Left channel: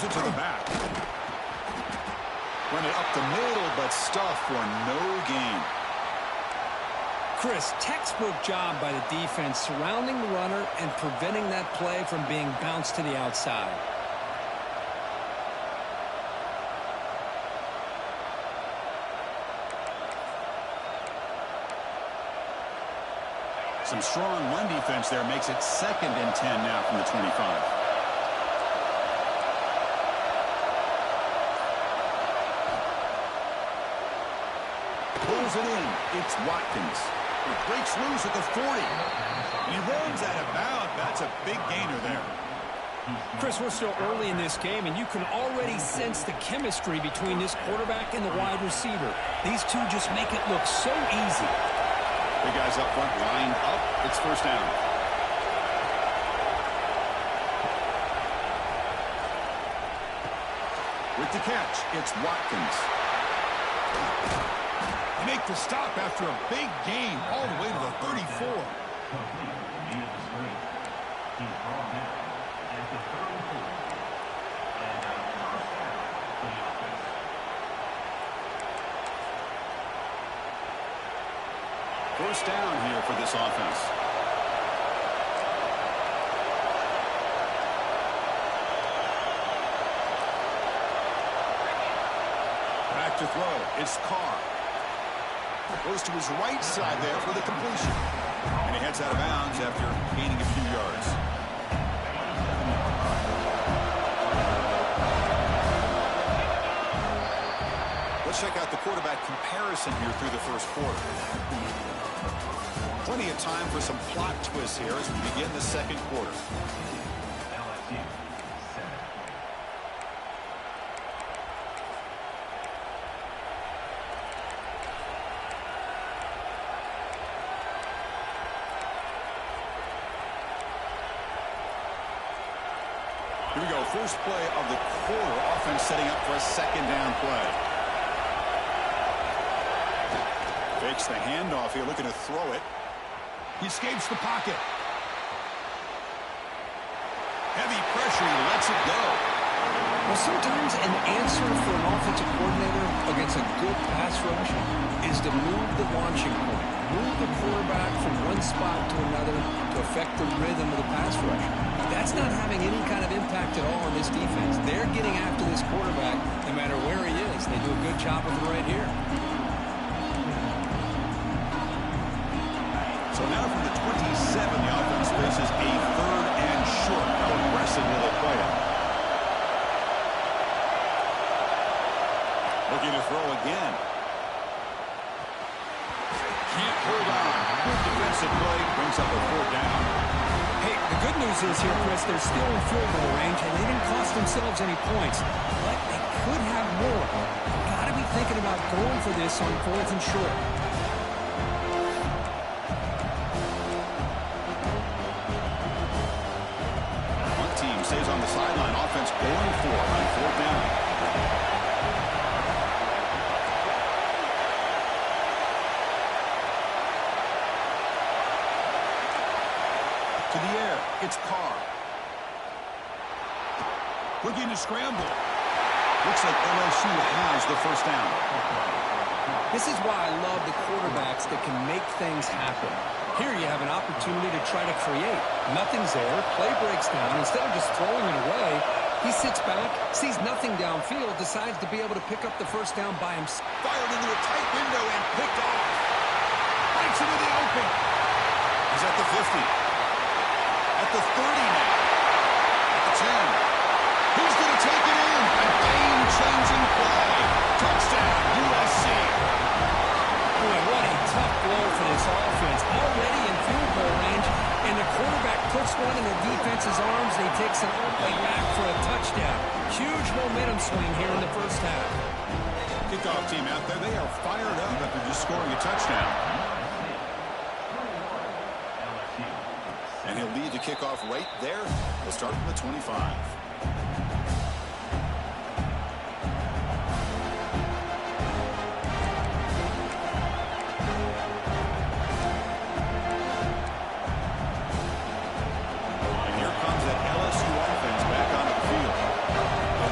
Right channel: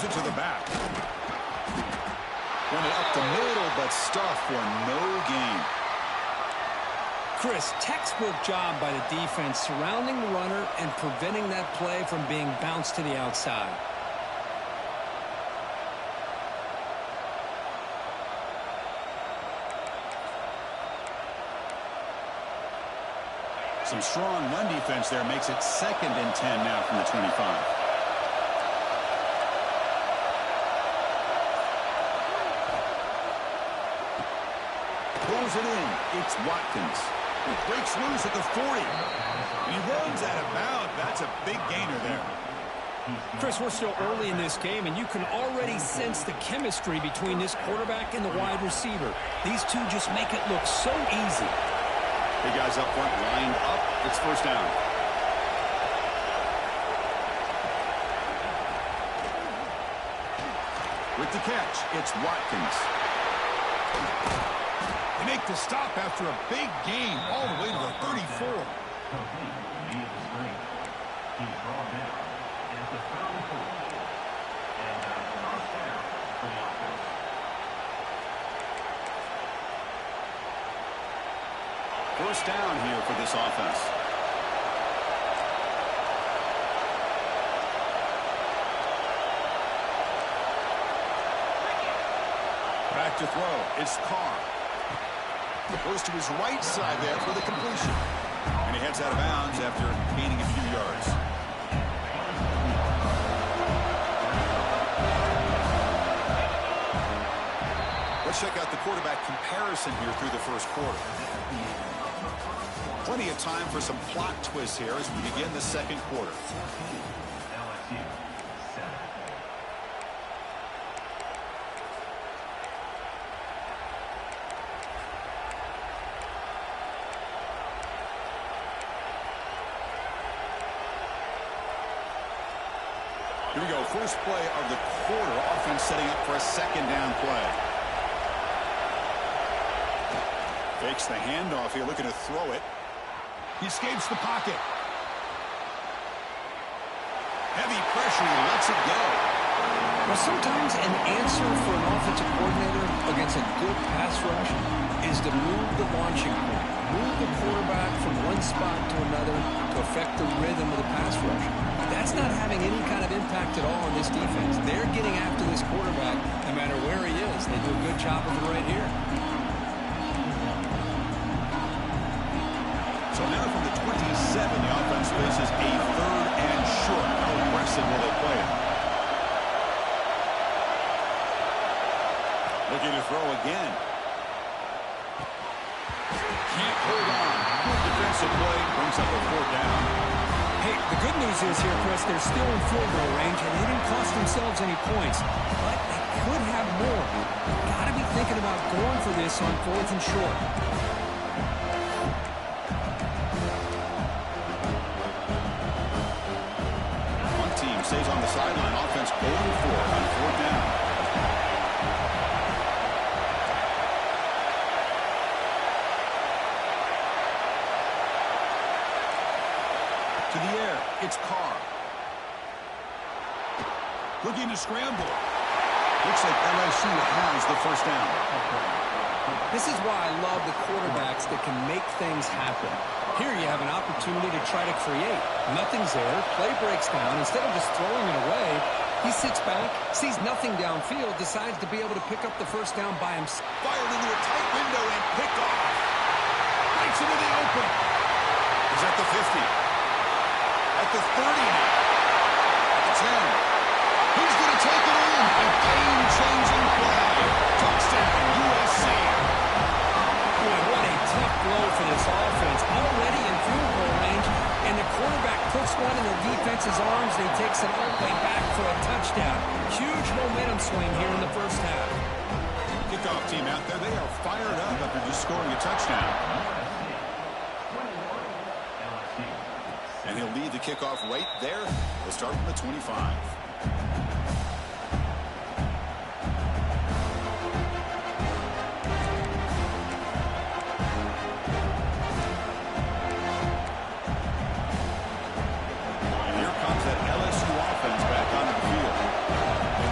Gives it to the back. Run it up the middle, but stuff for no gain. Chris, textbook job by the defense surrounding the runner and preventing that play from being bounced to the outside. Some strong run defense there makes it 2nd and 10 now from the 25. Pulls it in. It's Watkins. It breaks loose at the 40. And he runs out of bounds. That's a big gainer there. Chris, we're still early in this game, and you can already sense the chemistry between this quarterback and the wide receiver. These two just make it look so easy. Big guys up front lined up. It's 1st down. With the catch, it's Watkins. They make the stop after a big gain all the way to the 34. Complete via the screen. He's brought down at the 34. And a 1st down for the offense. First down here for this offense. Back to throw. It's Carr. Goes to his right side there for the completion. And he heads out of bounds after gaining a few yards. Let's check out the quarterback comparison here through the 1st quarter. Plenty of time for some plot twists here as we begin the 2nd quarter. LSU 7. Here we go. First play of the quarter. Offense setting up for a 2nd down play. Fakes the handoff here, looking to throw it. He escapes the pocket. Heavy pressure, he lets it go. Well, sometimes an answer for an offensive coordinator against a good pass rush is to move the launching point. Move the quarterback from one spot to another to affect the rhythm of the pass rush. That's not having any kind of impact at all on this defense. They're getting after this quarterback no matter where he is. They do a good job of it right here. So now from the 27, the offense faces a 3rd and short. How aggressive will they play it? Looking to throw again. Can't hold on. Good defensive play. Brings up a 4th down. Hey, the good news is here, Chris, they're still in field goal range, and they didn't cost themselves any points. But they could have more. Got to be thinking about going for this on 4th and short. One team stays on the sideline. Offense going for it on 4th down. To the air, it's Carr. Looking to scramble. Looks like LSU has the 1st down. This is why I love the quarterbacks that can make things happen. Here you have an opportunity to try to create. Nothing's there. Play breaks down. Instead of just throwing it away, he sits back, sees nothing downfield, decides to be able to pick up the 1st down by himself. Fired into a tight window and picked off. Breaks into the open. He's at the 50. At the 30 now. At the 10. He's going to take it in. A game-changing play. Touchdown, USC. Boy, what a tough blow for this offense. Already in field goal range, and the quarterback puts one in the defense's arms, and he takes it all the way back for a touchdown. Huge momentum swing here in the 1st half. Kickoff team out there, they are fired up after just scoring a touchdown. And he'll lead the kickoff right there. They'll start from the 25. And here comes that LSU offense back onto the field. They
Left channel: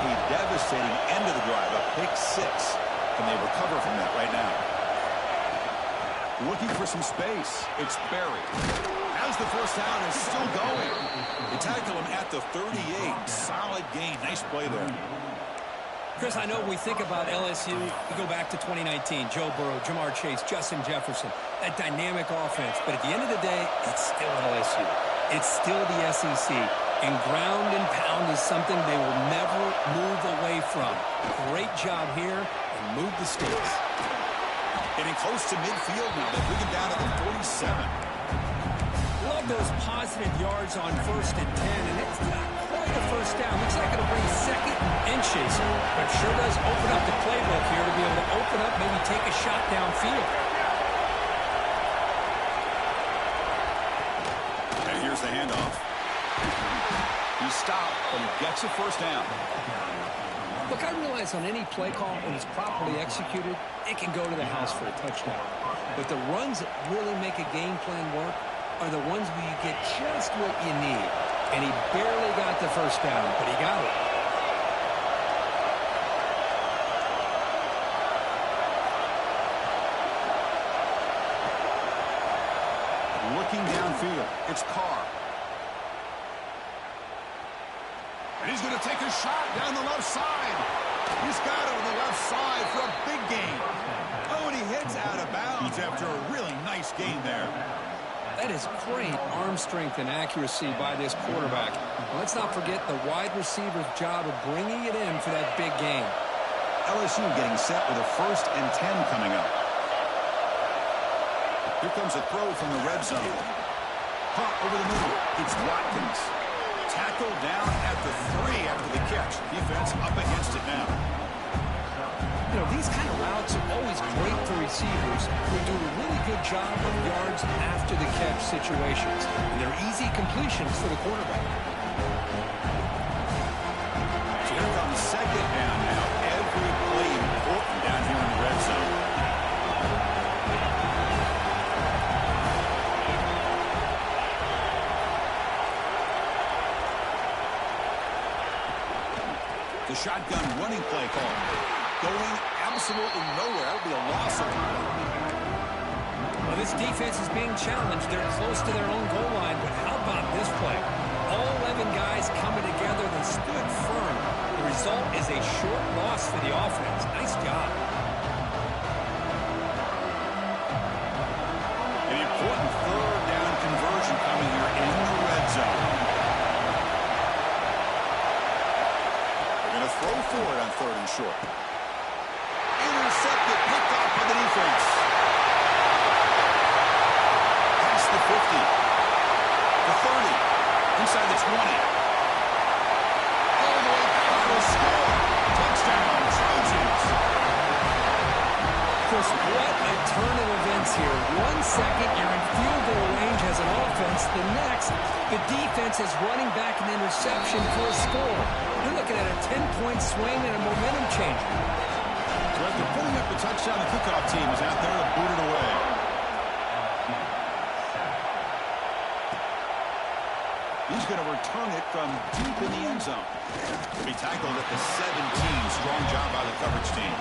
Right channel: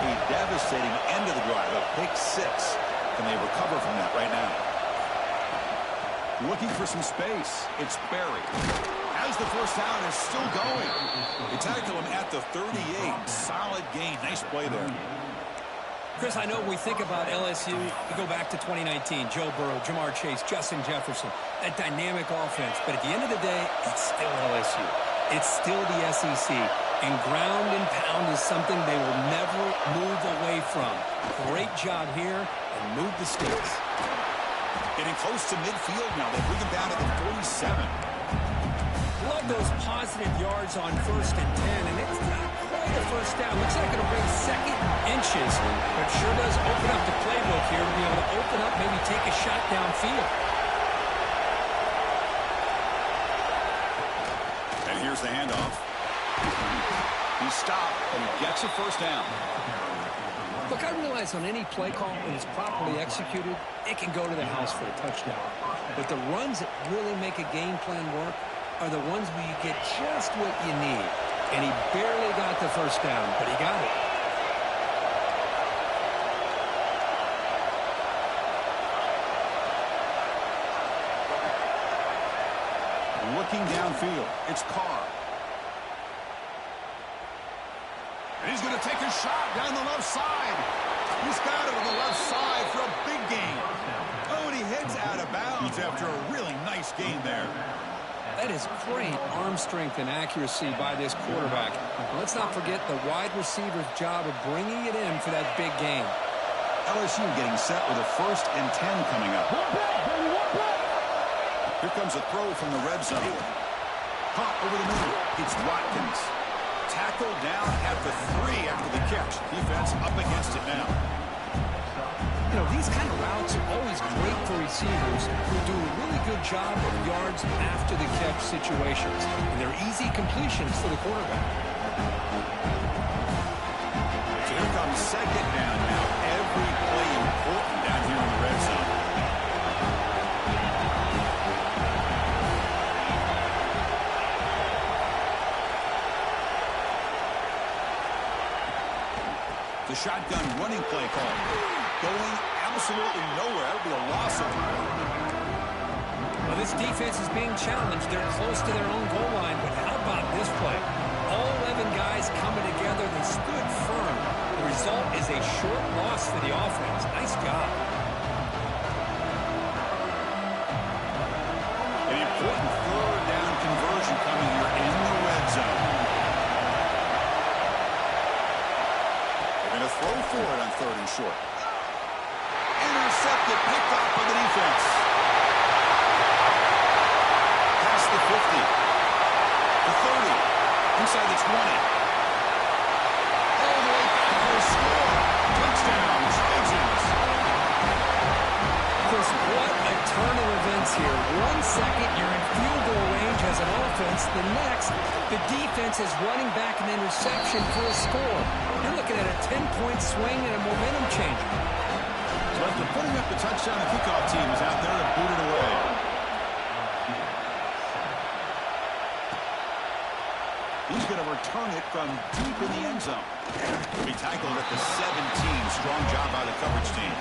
A devastating end of the drive, a pick six. Can they recover from that right now? Looking for some space. It's Barry. Has the first down, is still going. They tackle him at the 38. Solid gain. Nice play there. Chris, I know when we think about LSU, we go back to 2019. Joe Burrow, Jamar Chase, Justin Jefferson, that dynamic offense. But at the end of the day, it's still LSU. It's still the SEC. And ground and pound is something they will never move away from. Great job here, and move the stakes. Getting close to midfield now. They bring him down to the 47. Love those positive yards on 1st and 10, and it's not quite a first down. Looks like it'll bring 2nd and inches, but sure does open up the playbook here to be able to open up, maybe take a shot downfield. And here's the handoff. He stopped, but he gets a first down. Look, I realize on any play call, when it's properly executed, it can go to the house for a touchdown. But the runs that really make a game plan work are the ones where you get just what you need. And he barely got the first down, but he got it. Looking downfield, it's Carr. And he's going to take a shot down the left side. He's got it on the left side for a big gain. Oh, and he heads out of bounds after a really nice gain there. That is great arm strength and accuracy by this quarterback. Let's not forget the wide receiver's job of bringing it in for that big gain. LSU getting set with a 1st and 10 coming up. Here comes a throw from the red zone. Caught over the middle. It's Watkins. Tackled down at the 3 after the catch. Defense up against it now. You know, these kind of routes are always great for receivers who do a really good job of yards after the catch situations. And they're easy completions for the quarterback. So here comes 2nd down now. Every play important down here in the red zone. The shotgun running play call. Going absolutely nowhere. That'll be a loss of time. Well, this defense is being challenged. They're close to their own goal line, but how about this play? All 11 guys coming together. They stood firm. The result is a short loss for the offense. Nice job. An important 3rd down conversion coming here in the red zone. They're going to throw for it on 3rd and short. Intercepted, picked off by the defense. Past the 50. The 30. Inside the 20. All the way back for a score. Touchdown, Trojans. Chris, what a turn of events here. 1 second, you're in field goal range as an offense. The next, the defense is running back an interception for a score. You're looking at a 10-point swing and a momentum changer. So after putting up the touchdown, the kickoff team is out there to boot it away. He's going to return it from deep in the end zone. He'll be tackled at the 17. Strong job by the coverage team.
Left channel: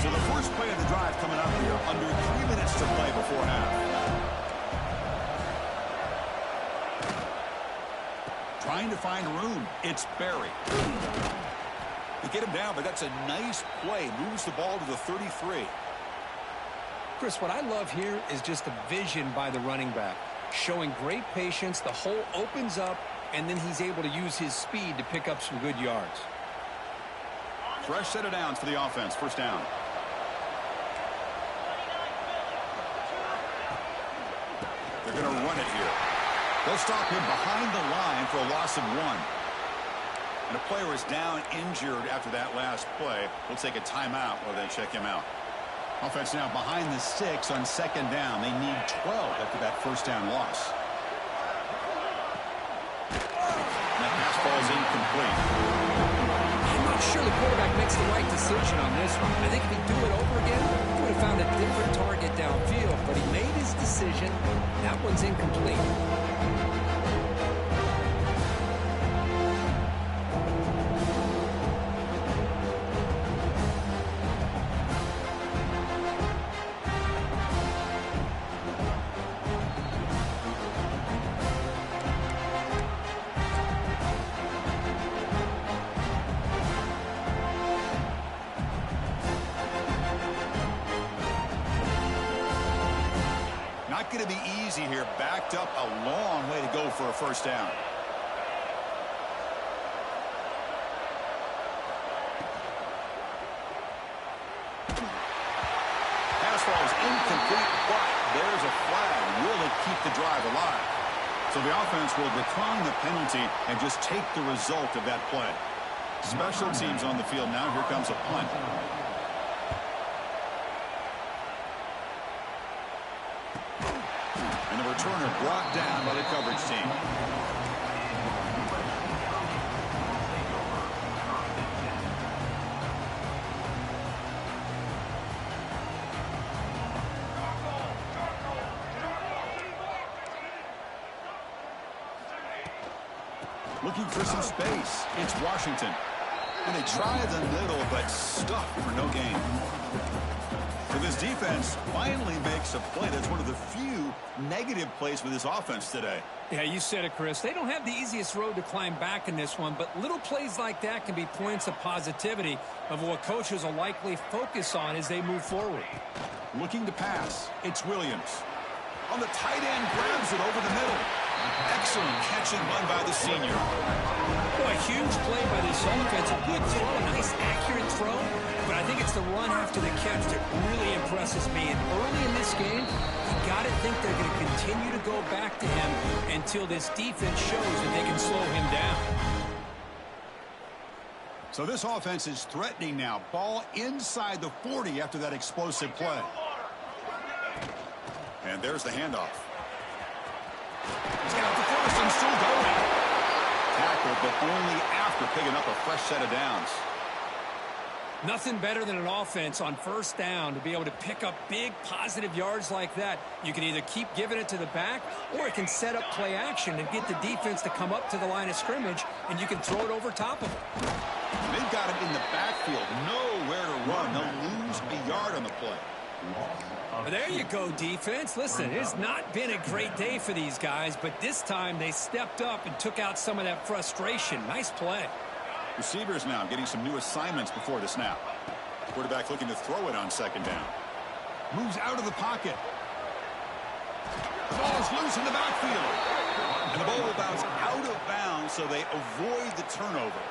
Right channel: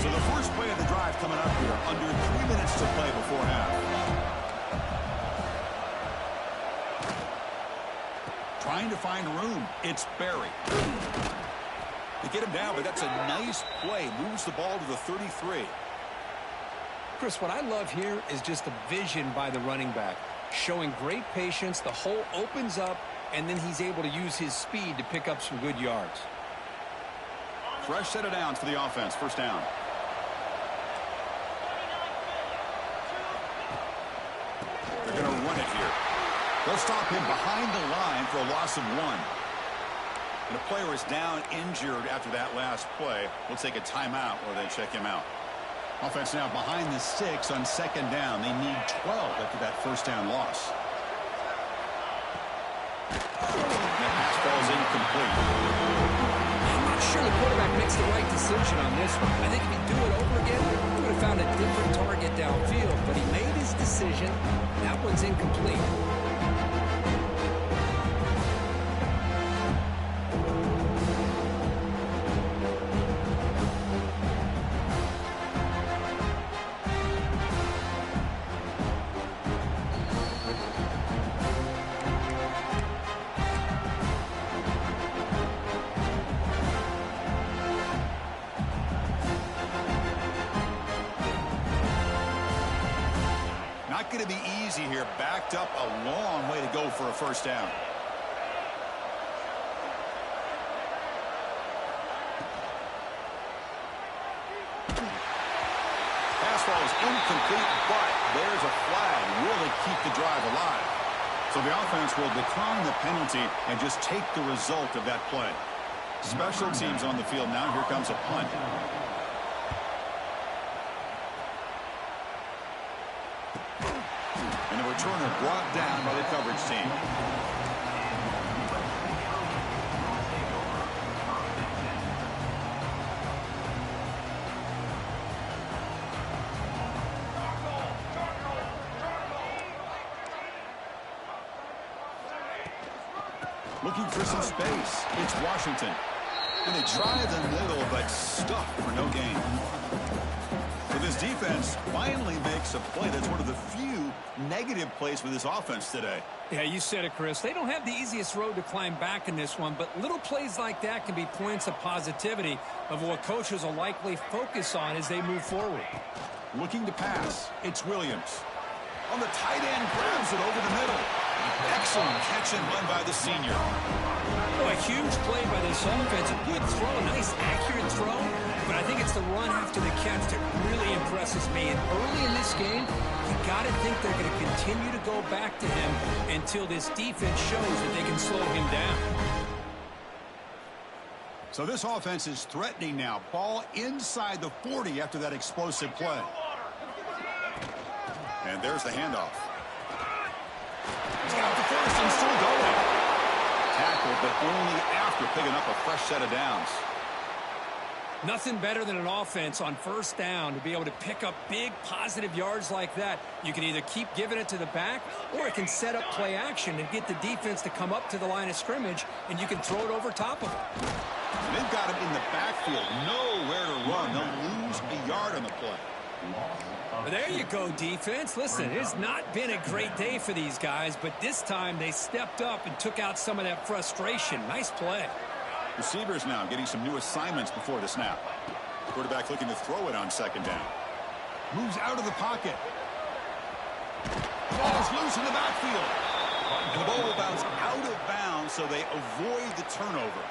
So the first play of the drive coming up here. Under 3 minutes to play before half. Trying to find room. It's Barry. They get him down, but that's a nice play. Moves the ball to the 33. Chris, what I love here is just the vision by the running back. Showing great patience. The hole opens up, and then he's able to use his speed to pick up some good yards. Fresh set of downs for the offense. First down. They're going to run it here. They'll stop him behind the line for a loss of 1. And a player is down injured after that last play. We'll take a timeout while they check him out. Offense now behind the 6 on 2nd down. They need 12 after that first down loss. That pass ball is incomplete. I'm not sure the quarterback makes the right decision on this one. I think if he'd do it over again, he would have found a different target downfield. But he made his decision. That one's incomplete. not going to be easy here. Backed up a long way to go for a first down. Pass ball is incomplete, but there's a flag. Really keep the drive alive. So the offense will decline the penalty and just take the result of that play. Special teams on the field now. Here comes a punt. And the returner brought down by the coverage team. Looking for some space. It's Washington. And they try the middle, but stuffed for no gain. So this defense finally makes a play. That's one of the few negative plays for this offense today. Yeah, you said it, Chris. They don't have the easiest road to climb back in this one, but little plays like that can be points of positivity of what coaches will likely focus on as they move forward. Looking to pass. It's Williams. On the tight end, grabs it over the middle. Excellent catch and run by the senior. Boy, a huge play by this offense. A good throw, a nice accurate throw. But I think it's the run after the catch that really impresses me. And early in this game, you got to think they're going to continue to go back to him until this defense shows that they can slow him down. So this offense is threatening now. Ball inside the 40 after that explosive play. And there's the handoff. He's got the first and still going. Tackled, but only after picking up a fresh set of downs. Nothing better than an offense on first down to be able to pick up big positive yards like that. You can either keep giving it to the back, or it can set up play action and get the defense to come up to the line of scrimmage, and you can throw it over top of them. They've got him in the backfield, nowhere to run. They'll lose a yard on the play. There you go, defense. Listen, it's not been a great day for these guys, but this time they stepped up and took out some of that frustration. Nice play. Receivers now getting some new assignments before the snap. Quarterback looking to throw it on second down. Moves out of the pocket. The ball is loose in the backfield. And the ball will bounce out of bounds, so they avoid the turnover.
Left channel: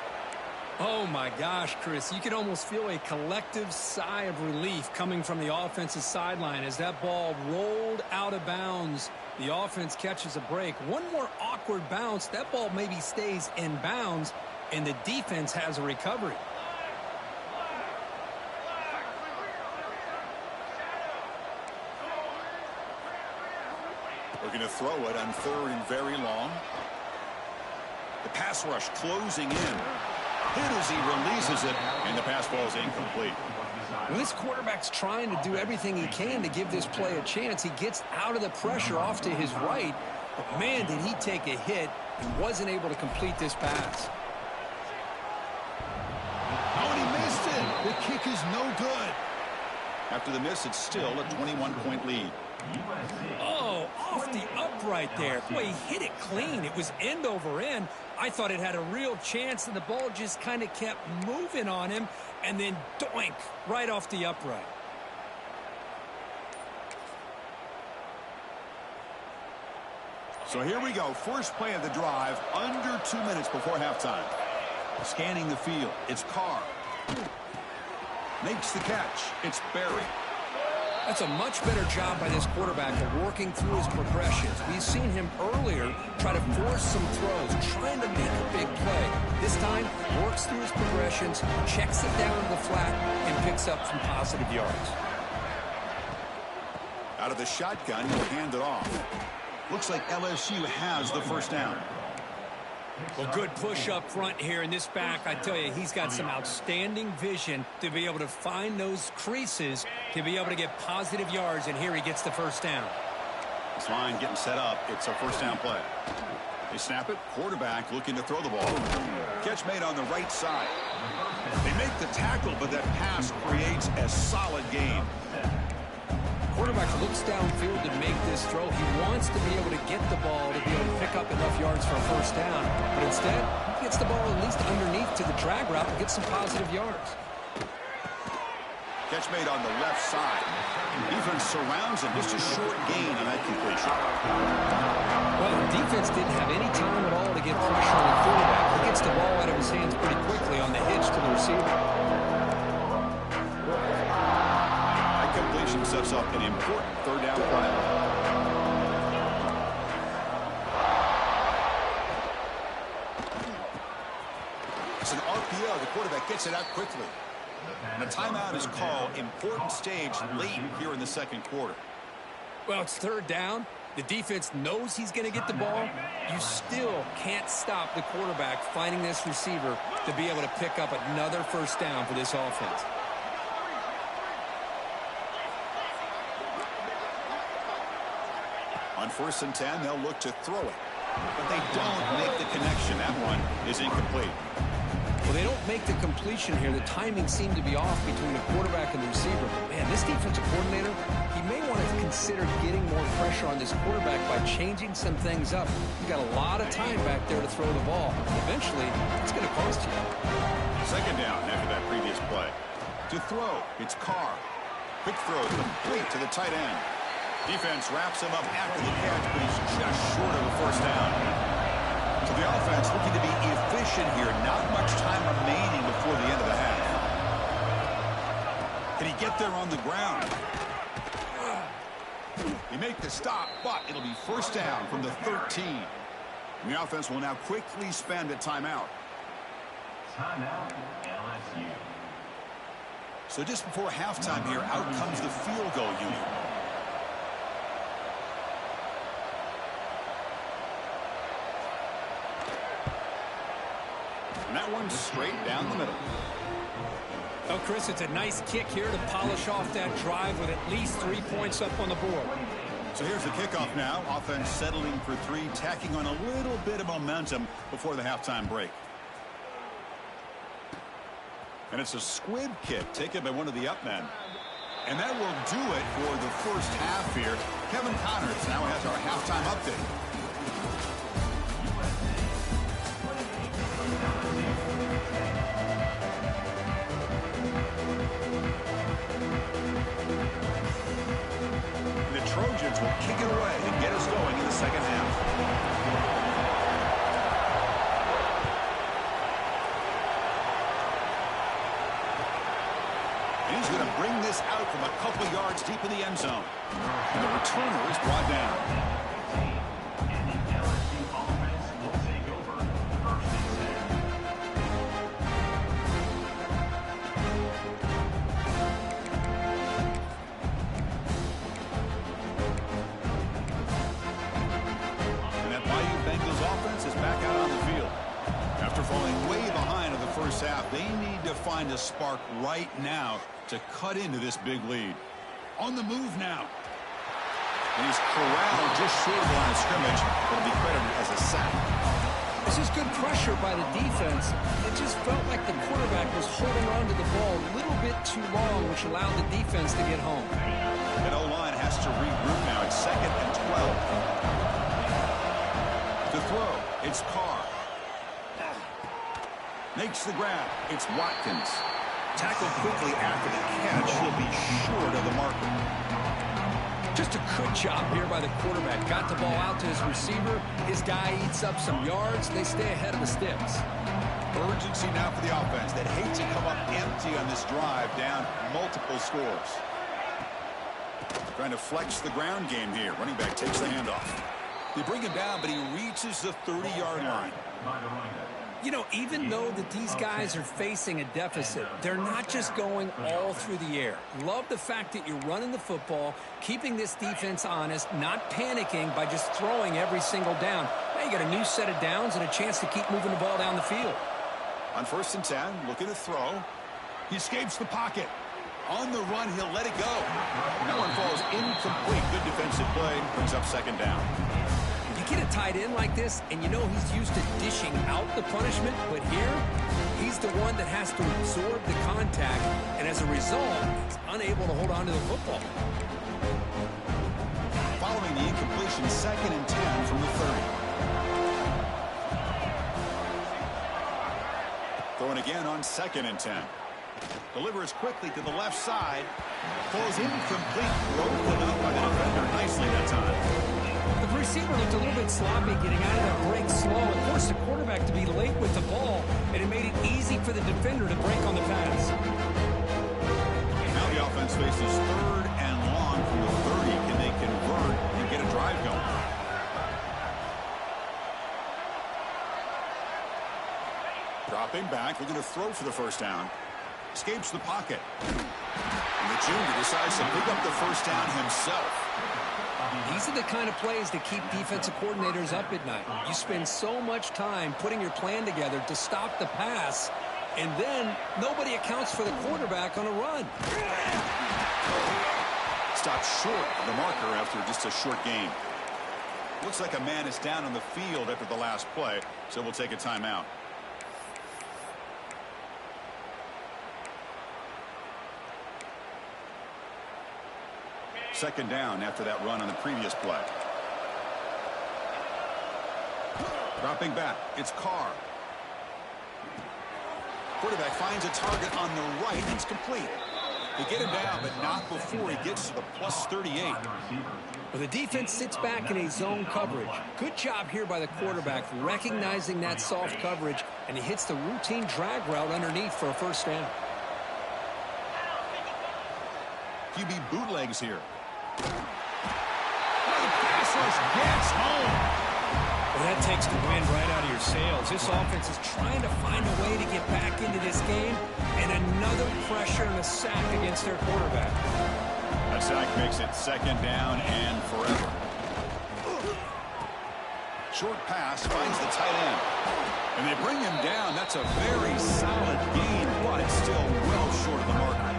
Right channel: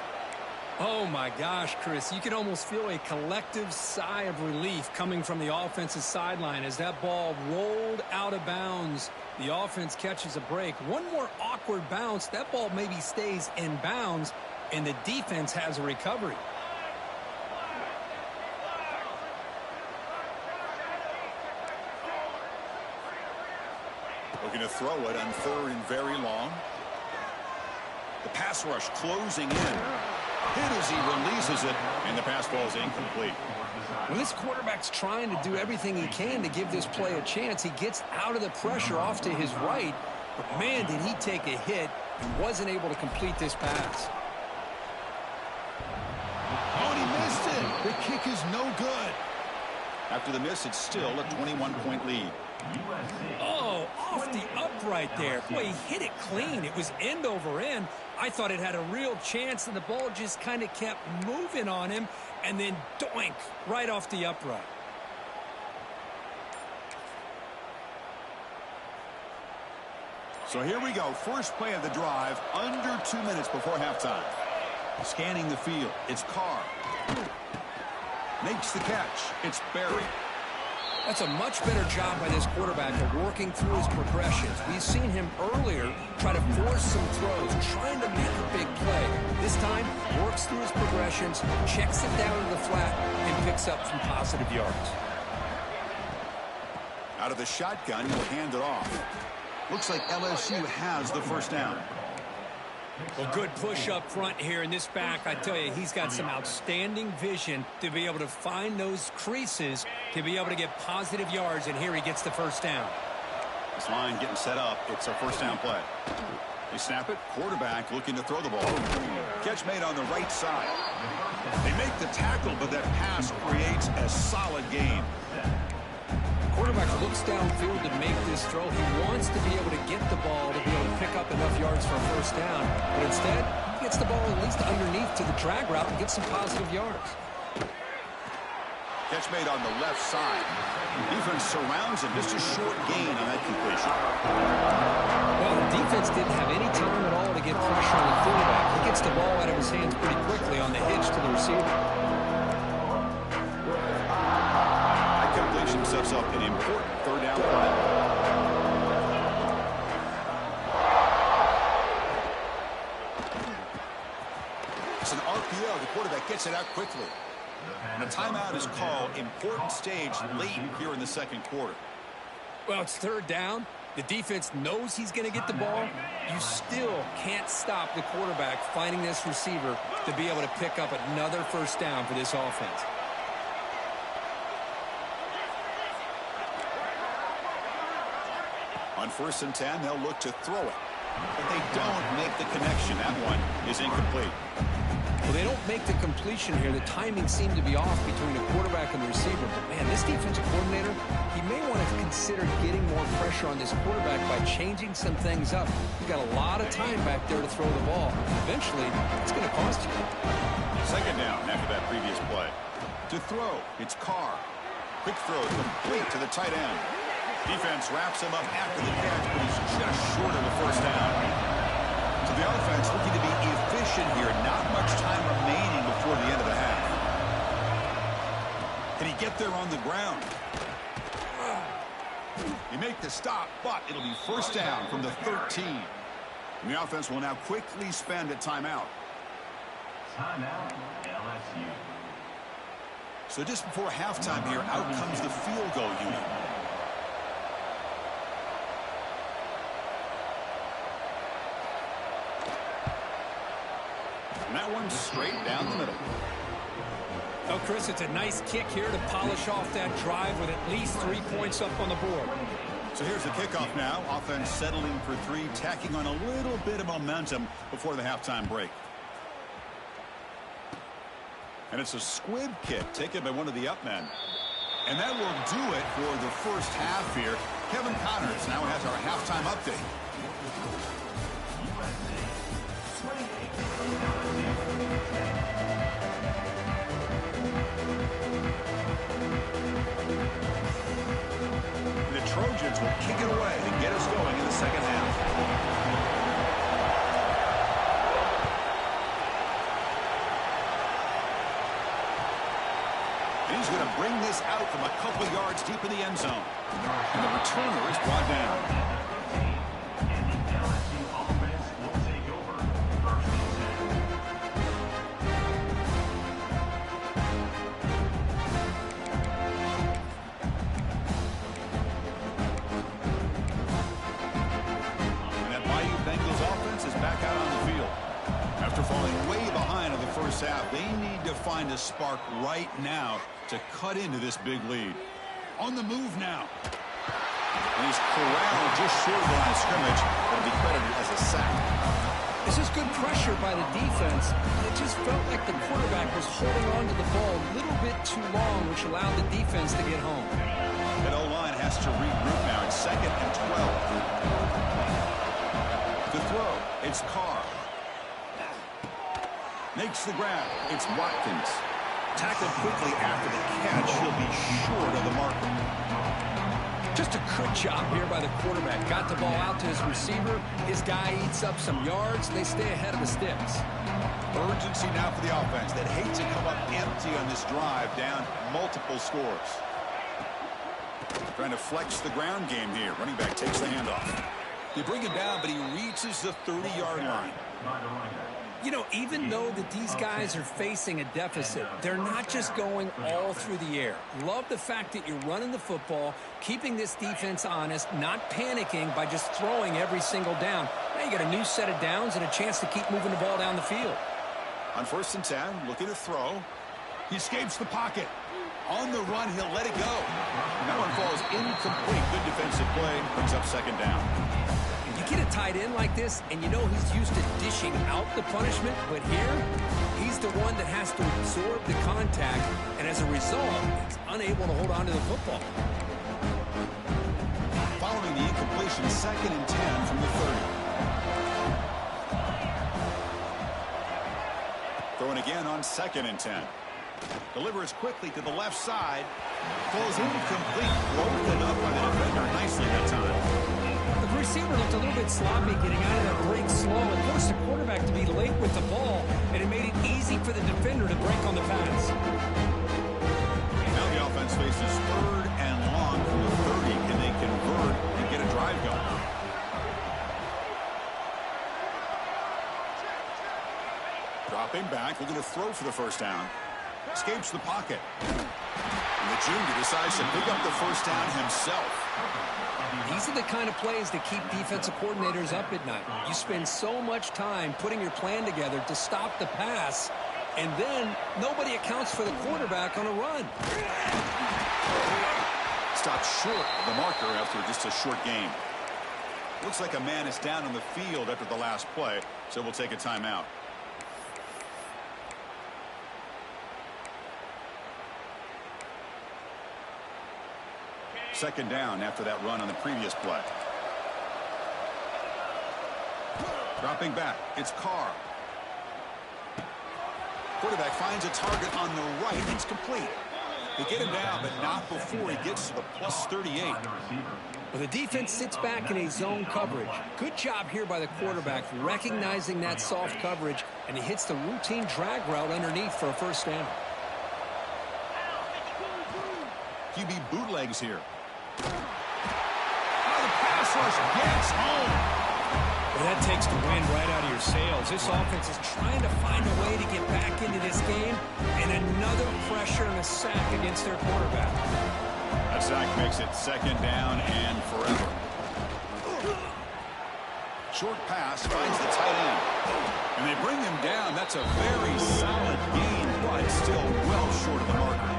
Oh, my gosh, Chris. You can almost feel a collective sigh of relief coming from the offensive sideline as that ball rolled out of bounds. The offense catches a break. One more awkward bounce. That ball maybe stays in bounds, and the defense has a recovery. Looking to throw it on third and very long. The pass rush closing in. Hit as he releases it, and the pass ball is incomplete. Well, this quarterback's trying to do everything he can to give this play a chance. He gets out of the pressure off to his right, but man, did he take a hit and wasn't able to complete this pass. Oh, and he missed it. The kick is no good. After the miss, it's still a 21-point lead. Oh, off the upright there. Boy, he hit it clean. It was end over end. I thought it had a real chance, and the ball just kind of kept moving on him, and then doink, right off the upright. So here we go. First play of the drive, under 2 minutes before halftime. Scanning the field. It's Carr. Makes the catch. It's Berry. That's a much better job by this quarterback of working through his progressions. We've seen him earlier try to force some throws, trying to make a big play. This time, works through his progressions, checks it down to the flat, and picks up some positive yards. Out of the shotgun, he'll hand it off. Looks like LSU has the first down. Well, good push up front here in this back. I tell you, he's got some outstanding vision to be able to find those creases, to be able to get positive yards, and here he gets the first down. This line getting set up. It's a first down play. They snap it. Quarterback looking to throw the ball. Catch made on the right side. They make the tackle, but that pass creates a solid gain. Quarterback looks downfield to make this throw. He wants to be able to get the ball to be able to pick up enough yards for a first down. But instead, he gets the ball at least underneath to the drag route and gets some positive yards. Catch made on the left side. Defense surrounds him. Just a short gain on that completion. Well, the defense didn't have any time at all to get pressure on the quarterback. He gets the ball out of his hands pretty quickly on the hitch to the receiver. That completion sets up an important third down play. It's an RPO. The quarterback gets it out quickly. And a timeout is called. Important stage late here in the second quarter. Well, it's third down. The defense knows he's going to get the ball. You still can't stop the quarterback finding this receiver to be able to pick up another first down for this offense. On 1st and 10, they'll look to throw it. But they don't make the connection. That one is incomplete. Well, they don't make the completion here. The timing seemed to be off between the quarterback and the receiver. But, man, this defensive coordinator, he may want to consider getting more pressure on this quarterback by changing some things up. You've got a lot of time back there to throw the ball. Eventually, it's going to cost you. Second down after that previous play. To throw, it's Carr. Quick throw complete to the tight end. Defense wraps him up after the catch, but he's just short of the first down. So the offense looking to be efficient here. Not much time remaining before the end of the half. Can he get there on the ground? He make the stop, but it'll be first down from the 13. And the offense will now quickly spend a timeout. Timeout, LSU. So just before halftime here, out comes the field goal unit. And that one's straight down the middle. Oh, Chris, it's a nice kick here to polish off that drive with at least 3 points up on the board. So here's the kickoff now. Offense settling for 3, tacking on a little bit of momentum before the halftime break. And it's a squib kick taken by one of the up men. And that will do it for the first half here. Kevin Connors now has our halftime update. The Trojans will kick it away to get us going in the second half. And he's going to bring this out from a couple yards deep in the end zone. And the returner is brought down. And the LSU offense will take over 1st and 10. And that Bayou Bengals offense is back out on the field. After falling way behind in the first half, they need to find a spark right now to cut into this big lead. On the move now. And he's corralled just short of the line of scrimmage. That'll be credited as a sack. This is good pressure by the defense. It just felt like the quarterback was holding on to the ball a little bit too long, which allowed the defense to get home. That O-line has to regroup now. It's 2nd and 12. To throw, it's Carr. Makes the grab. It's Watkins. Tackled quickly after the catch. He'll be short of the marker. Just a good job here by the quarterback. Got the ball out to his receiver. His guy eats up some yards. They stay ahead of the sticks. Urgency now for the offense that hates to come up empty on this drive, down multiple scores. Trying to flex the ground game here. Running back takes the handoff. They bring him down, but he reaches the 30-yard line. You know, even though that these guys are facing a deficit, they're not just going all through the air. Love the fact that you're running the football, keeping this defense honest, not panicking by just throwing every single down. Now you got a new set of downs and a chance to keep moving the ball down the field. On 1st and 10, looking to throw. He escapes the pocket. On the run, he'll let it go. That one falls incomplete. Good defensive play. Brings up 2nd down. You get a tight end like this, and you know he's used to dishing out the punishment, but here, he's the one that has to absorb the contact, and as a result, he's unable to hold on to the football. Following the incompletion, 2nd and 10 from the 30. Throwing again on 2nd and 10. Delivers quickly to the left side. Falls incomplete. Broken up by the defender nicely that time. The receiver looked a little bit sloppy getting out of that break slow. It forced the quarterback to be late with the ball, and it made it easy for the defender to break on the pass. Now the offense faces 3rd and long from the 30. Can they convert and get a drive going? Dropping back, looking to throw for the first down. Escapes the pocket. And the junior decides to pick up the first down himself. These are the kind of plays that keep defensive coordinators up at night. You spend so much time putting your plan together to stop the pass, and then nobody accounts for the quarterback on a run. Stopped short of the marker after just a short gain. Looks like a man is down on the field after the last play, so we'll take a timeout. Second down after that run on the previous play. Dropping back, it's Carr. Quarterback finds a target on the right. It's complete. They get him down, but not before he gets to the plus 38. Well, the defense sits back in a zone coverage. Good job here by the quarterback recognizing that soft coverage, and he hits the routine drag route underneath for a first down. QB bootlegs here. Oh, the pass rush gets home. Well, that takes the wind right out of your sails. This offense is trying to find a way to get back into this game, and another pressure and a sack against their quarterback. That sack makes it second down and forever. Short pass finds the tight end. And they bring him down. That's a very solid gain, but still well short of the marker.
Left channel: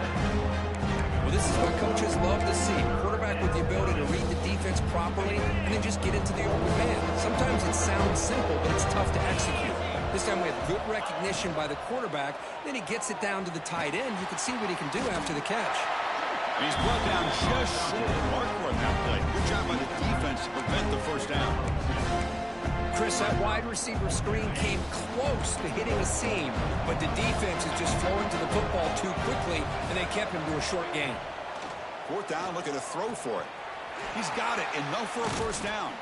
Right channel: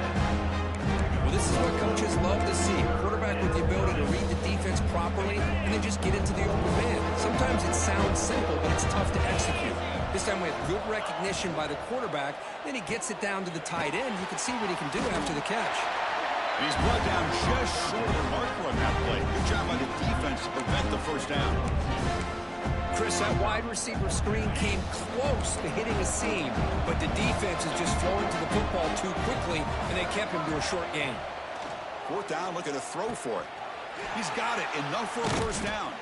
Well, this is what coaches love to see. A quarterback with the ability to read the defense properly and then just get into the open man. Sometimes it sounds simple, but it's tough to execute. This time we have good recognition by the quarterback. Then he gets it down to the tight end. You can see what he can do after the catch. And he's brought down just short of the marker on that play. Good job by the defense to prevent the first down. Chris, that wide receiver screen came close to hitting a seam, but the defense is just flowing to the football too quickly, and they kept him to a short gain. Fourth down, looking to throw for it. He's got it, enough for a first down.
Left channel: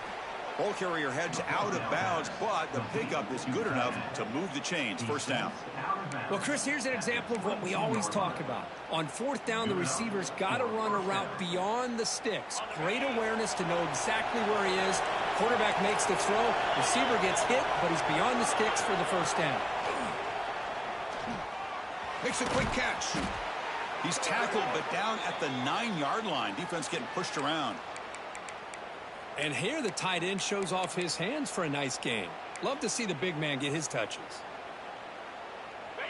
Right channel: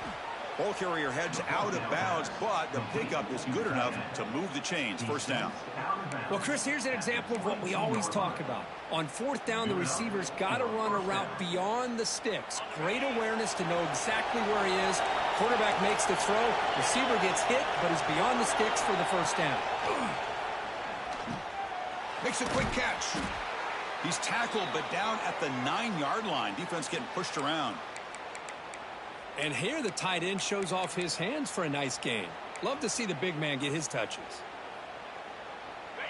Ball carrier heads out of bounds, but the pickup is good enough to move the chains. First down. Well, Chris, here's an example of what we always talk about. On fourth down, the receiver's got to run a route beyond the sticks. Great awareness to know exactly where he is. Quarterback makes the throw. Receiver gets hit, but he's beyond the sticks for the first down. Makes a quick catch. He's tackled, but down at the 9-yard line. Defense getting pushed around. And here the tight end shows off his hands for a nice gain. Love to see the big man get his touches.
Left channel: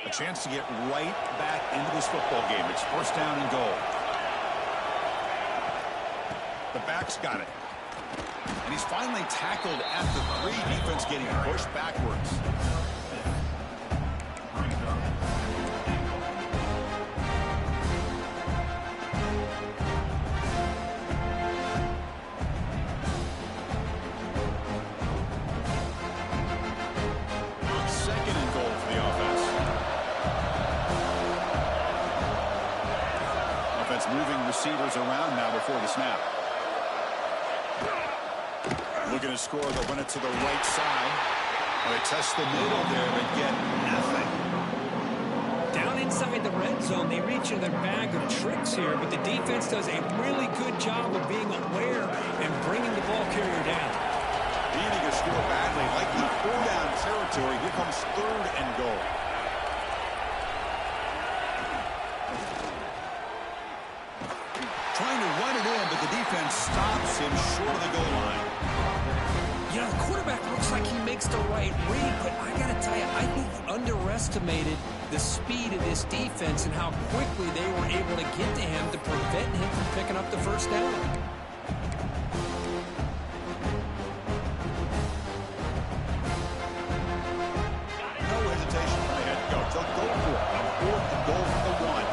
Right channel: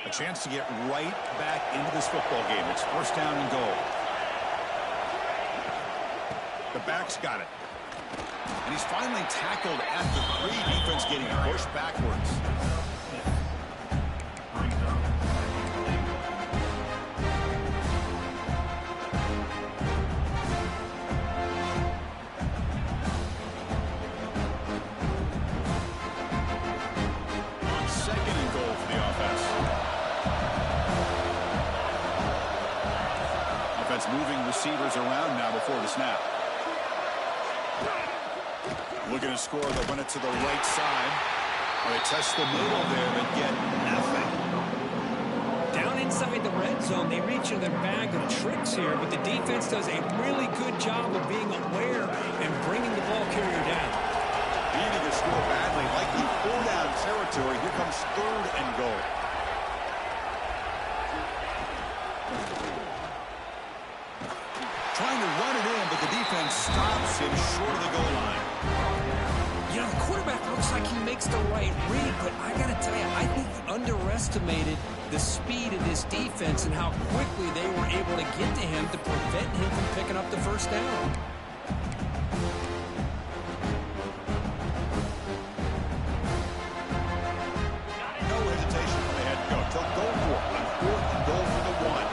A chance to get right back into this football game. It's first down and goal. The back's got it. And he's finally tackled at the 3. Defense getting pushed backwards. Second and goal for the offense. Offense moving receivers around now before the snap. Looking to score, they'll run it to the right side. Well, they test the middle there, but get nothing. Down inside the red zone, they reach in their bag of tricks here, but the defense does a really good job of being aware and bringing the ball carrier down. Needing a score badly, likely 4-down territory. Here comes third and goal. Trying to run it in, but the defense stops him short of the goal line. You know, the quarterback looks like he makes the right read, but I got to tell you, I think he underestimated the speed of this defense and how quickly they were able to get to him to prevent him from picking up the first down. No hesitation from the head coach. They'll go for it on fourth and goal from the 1.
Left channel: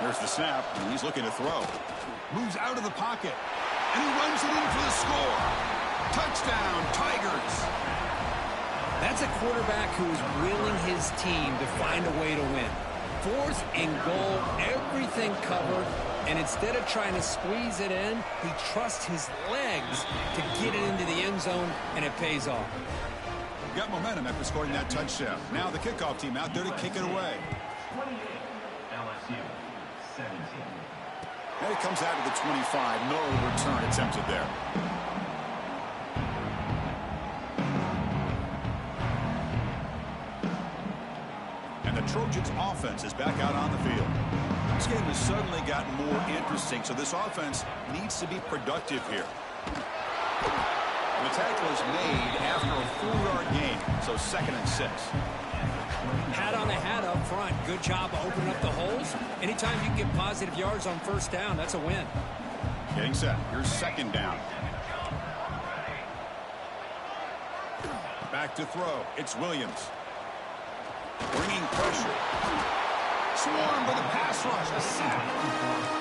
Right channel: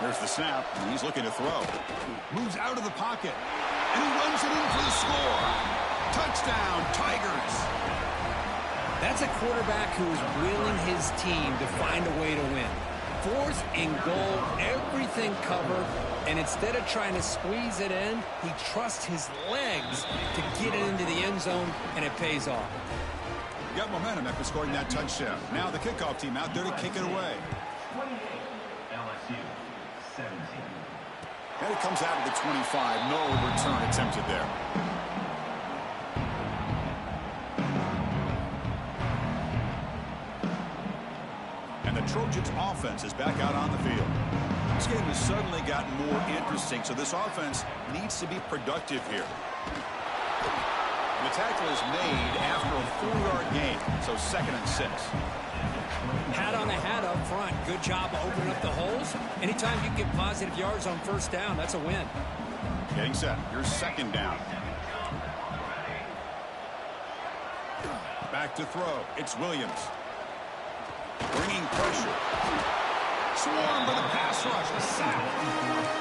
There's the snap, and he's looking to throw. Moves out of the pocket, and he runs it in for the score. Touchdown, Tigers. That's a quarterback who is willing his team to find a way to win. 4th and goal, everything covered, and instead of trying to squeeze it in, he trusts his legs to get it into the end zone, and it pays off. Got momentum after scoring that touchdown. Now the kickoff team out there to kick it away. 28, LSU, 17. And it comes out of the 25. No return attempted there. And the Trojans' offense is back out on the field. This game has suddenly gotten more interesting, so this offense needs to be productive here. And the tackle is made after a 4-yard gain, so 2nd and 6. Hat on the hat up front. Good job of opening up the holes. Anytime you can get positive yards on 1st down, that's a win. Getting set. Here's 2nd down. Back to throw. It's Williams. Bringing pressure. Swarmed by the pass rush. A sack.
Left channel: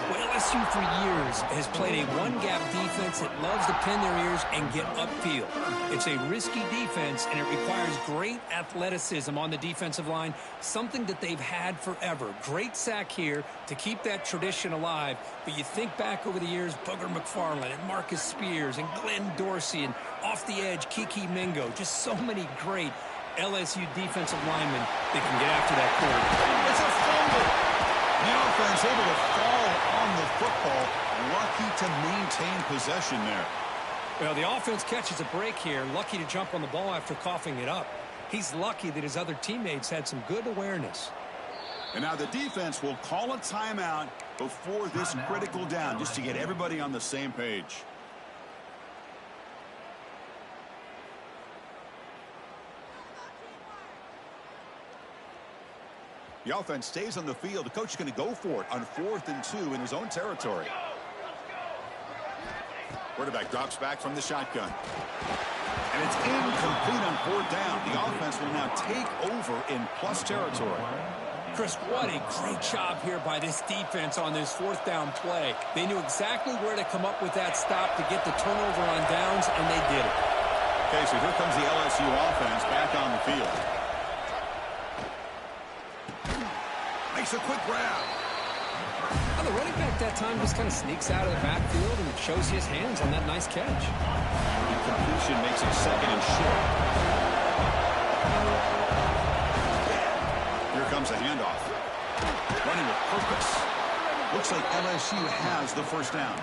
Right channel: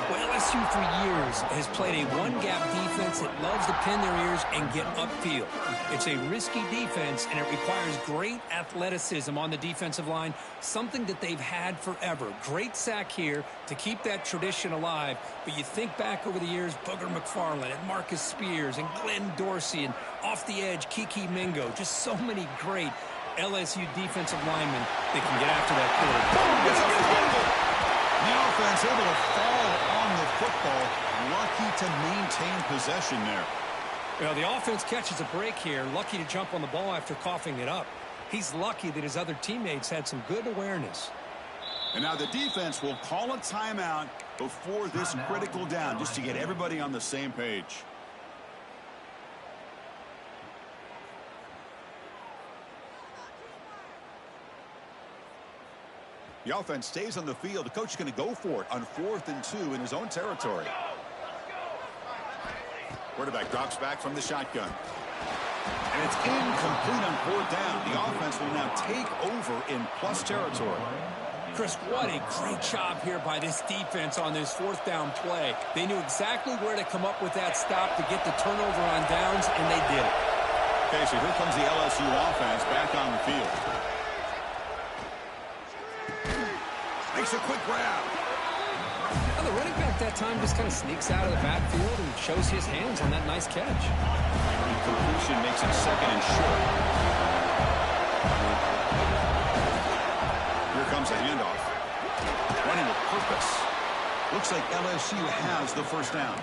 Well, LSU for years has played a one-gap defense that loves to pin their ears and get upfield. It's a risky defense, and it requires great athleticism on the defensive line, something that they've had forever. Great sack here to keep that tradition alive, but you think back over the years, Booger McFarland and Marcus Spears and Glenn Dorsey and off the edge, Kiki Mingo, just so many great LSU defensive linemen that can get after that quarterback. It's a fumble. The offense able to fall on the football. Lucky to maintain possession there. Well, the offense catches a break here. Lucky to jump on the ball after coughing it up. He's lucky that his other teammates had some good awareness. And now the defense will call a timeout before this critical down, just to get everybody on the same page. The offense stays on the field. The coach is going to go for it on 4th and 2 in his own territory. Quarterback drops back from the shotgun. And it's incomplete on 4th down. The offense will now take over in plus territory. Chris, what a great job here by this defense on this 4th down play. They knew exactly where to come up with that stop to get the turnover on downs, and they did it. Okay, so here comes the LSU offense back on the field. Makes a quick grab. Well, the running back that time just kind of sneaks out of the backfield and shows his hands on that nice catch. Incompletion makes it 2nd and short. Here comes a handoff. Running with purpose. Looks like LSU has the 1st down.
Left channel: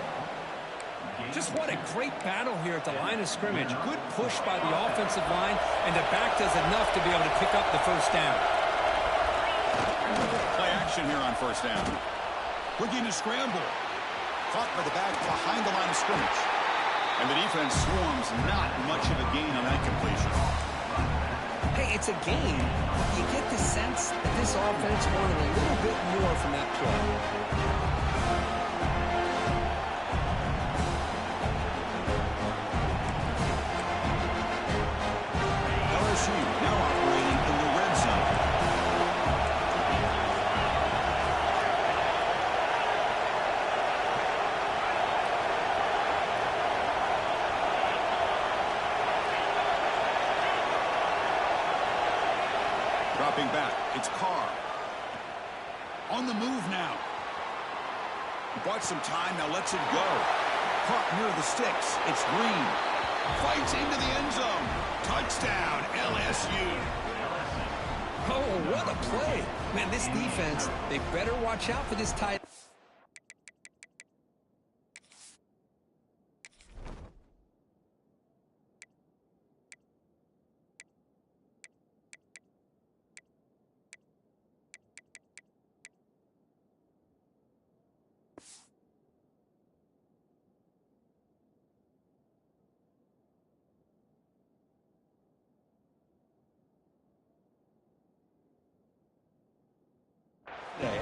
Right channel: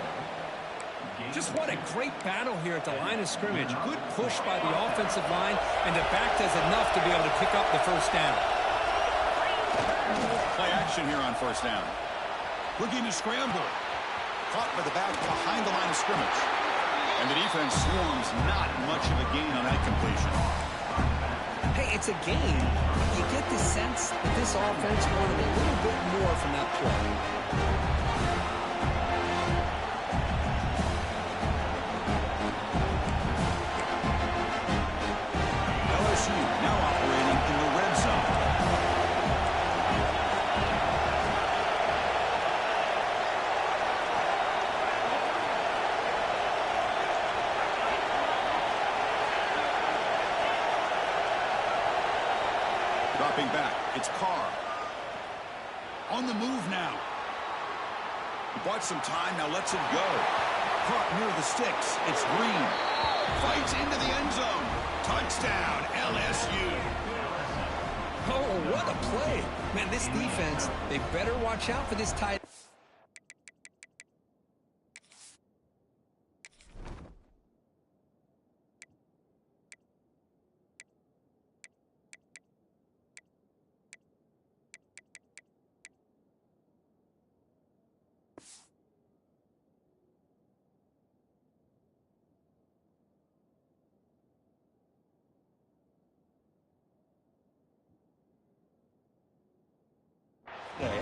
Just what a great battle here at the line of scrimmage. Good push by the offensive line, and the back does enough to be able to pick up the 1st down. Play action here on 1st down. Looking to scramble. Caught by the back behind the line of scrimmage. And the defense swarms. Not much of a gain on that completion. Hey, it's a gain, but you get the sense that this offense wanted a little bit more from that play. LSU now operating in the red zone. Dropping back, it's Carr. On the move now. He bought some time, now lets it go. Caught near the sticks, it's Green. Fights into the end zone. Touchdown, LSU. Oh, what a play. Man, this defense, they better watch out for this tight.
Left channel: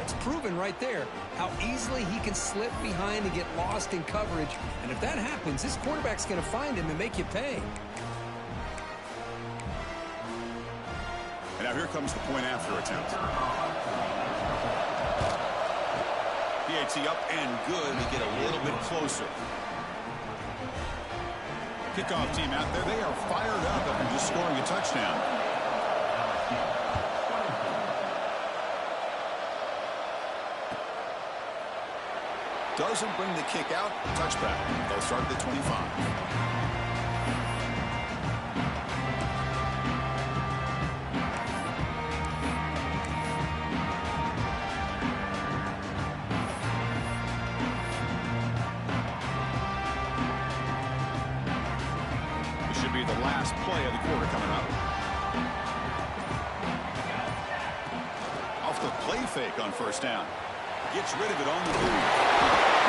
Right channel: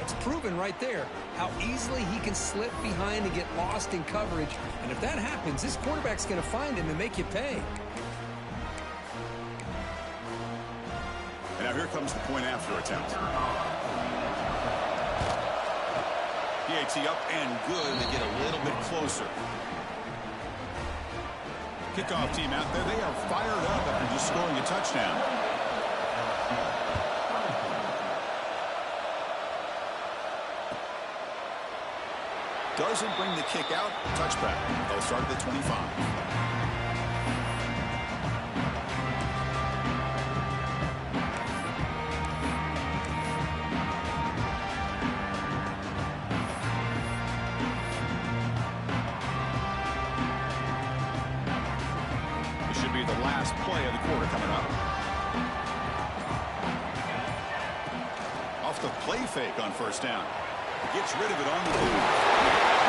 It's proven right there how easily he can slip behind and get lost in coverage. And if that happens, this quarterback's going to find him and make you pay. And now here comes the point after attempt. PAT up and good. They get a little bit closer. Kickoff team out there, they are fired up after just scoring a touchdown. Doesn't bring the kick out. Touchback. They'll start at the 25. This should be the last play of the quarter coming up. Off the play fake on first down. Gets rid of it on the move.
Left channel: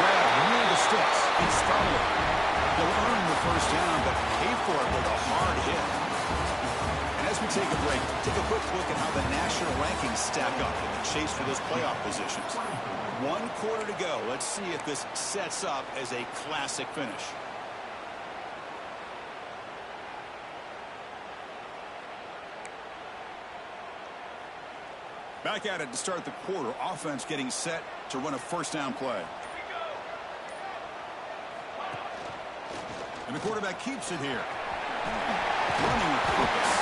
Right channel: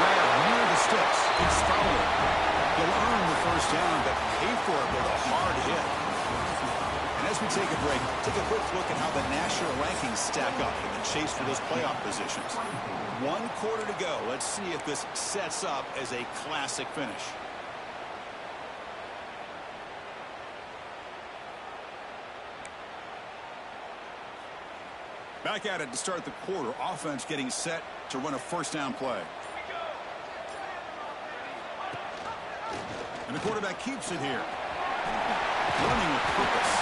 Grab near the sticks. It's Fowler. He'll earn the first down, but pay for it with a hard hit. And as we take a break, take a quick look at how the national rankings stack up in the chase for those playoff positions. 1 quarter to go. Let's see if this sets up as a classic finish. Back at it to start the quarter. Offense getting set to run a first down play. And the quarterback keeps it here. Running with purpose.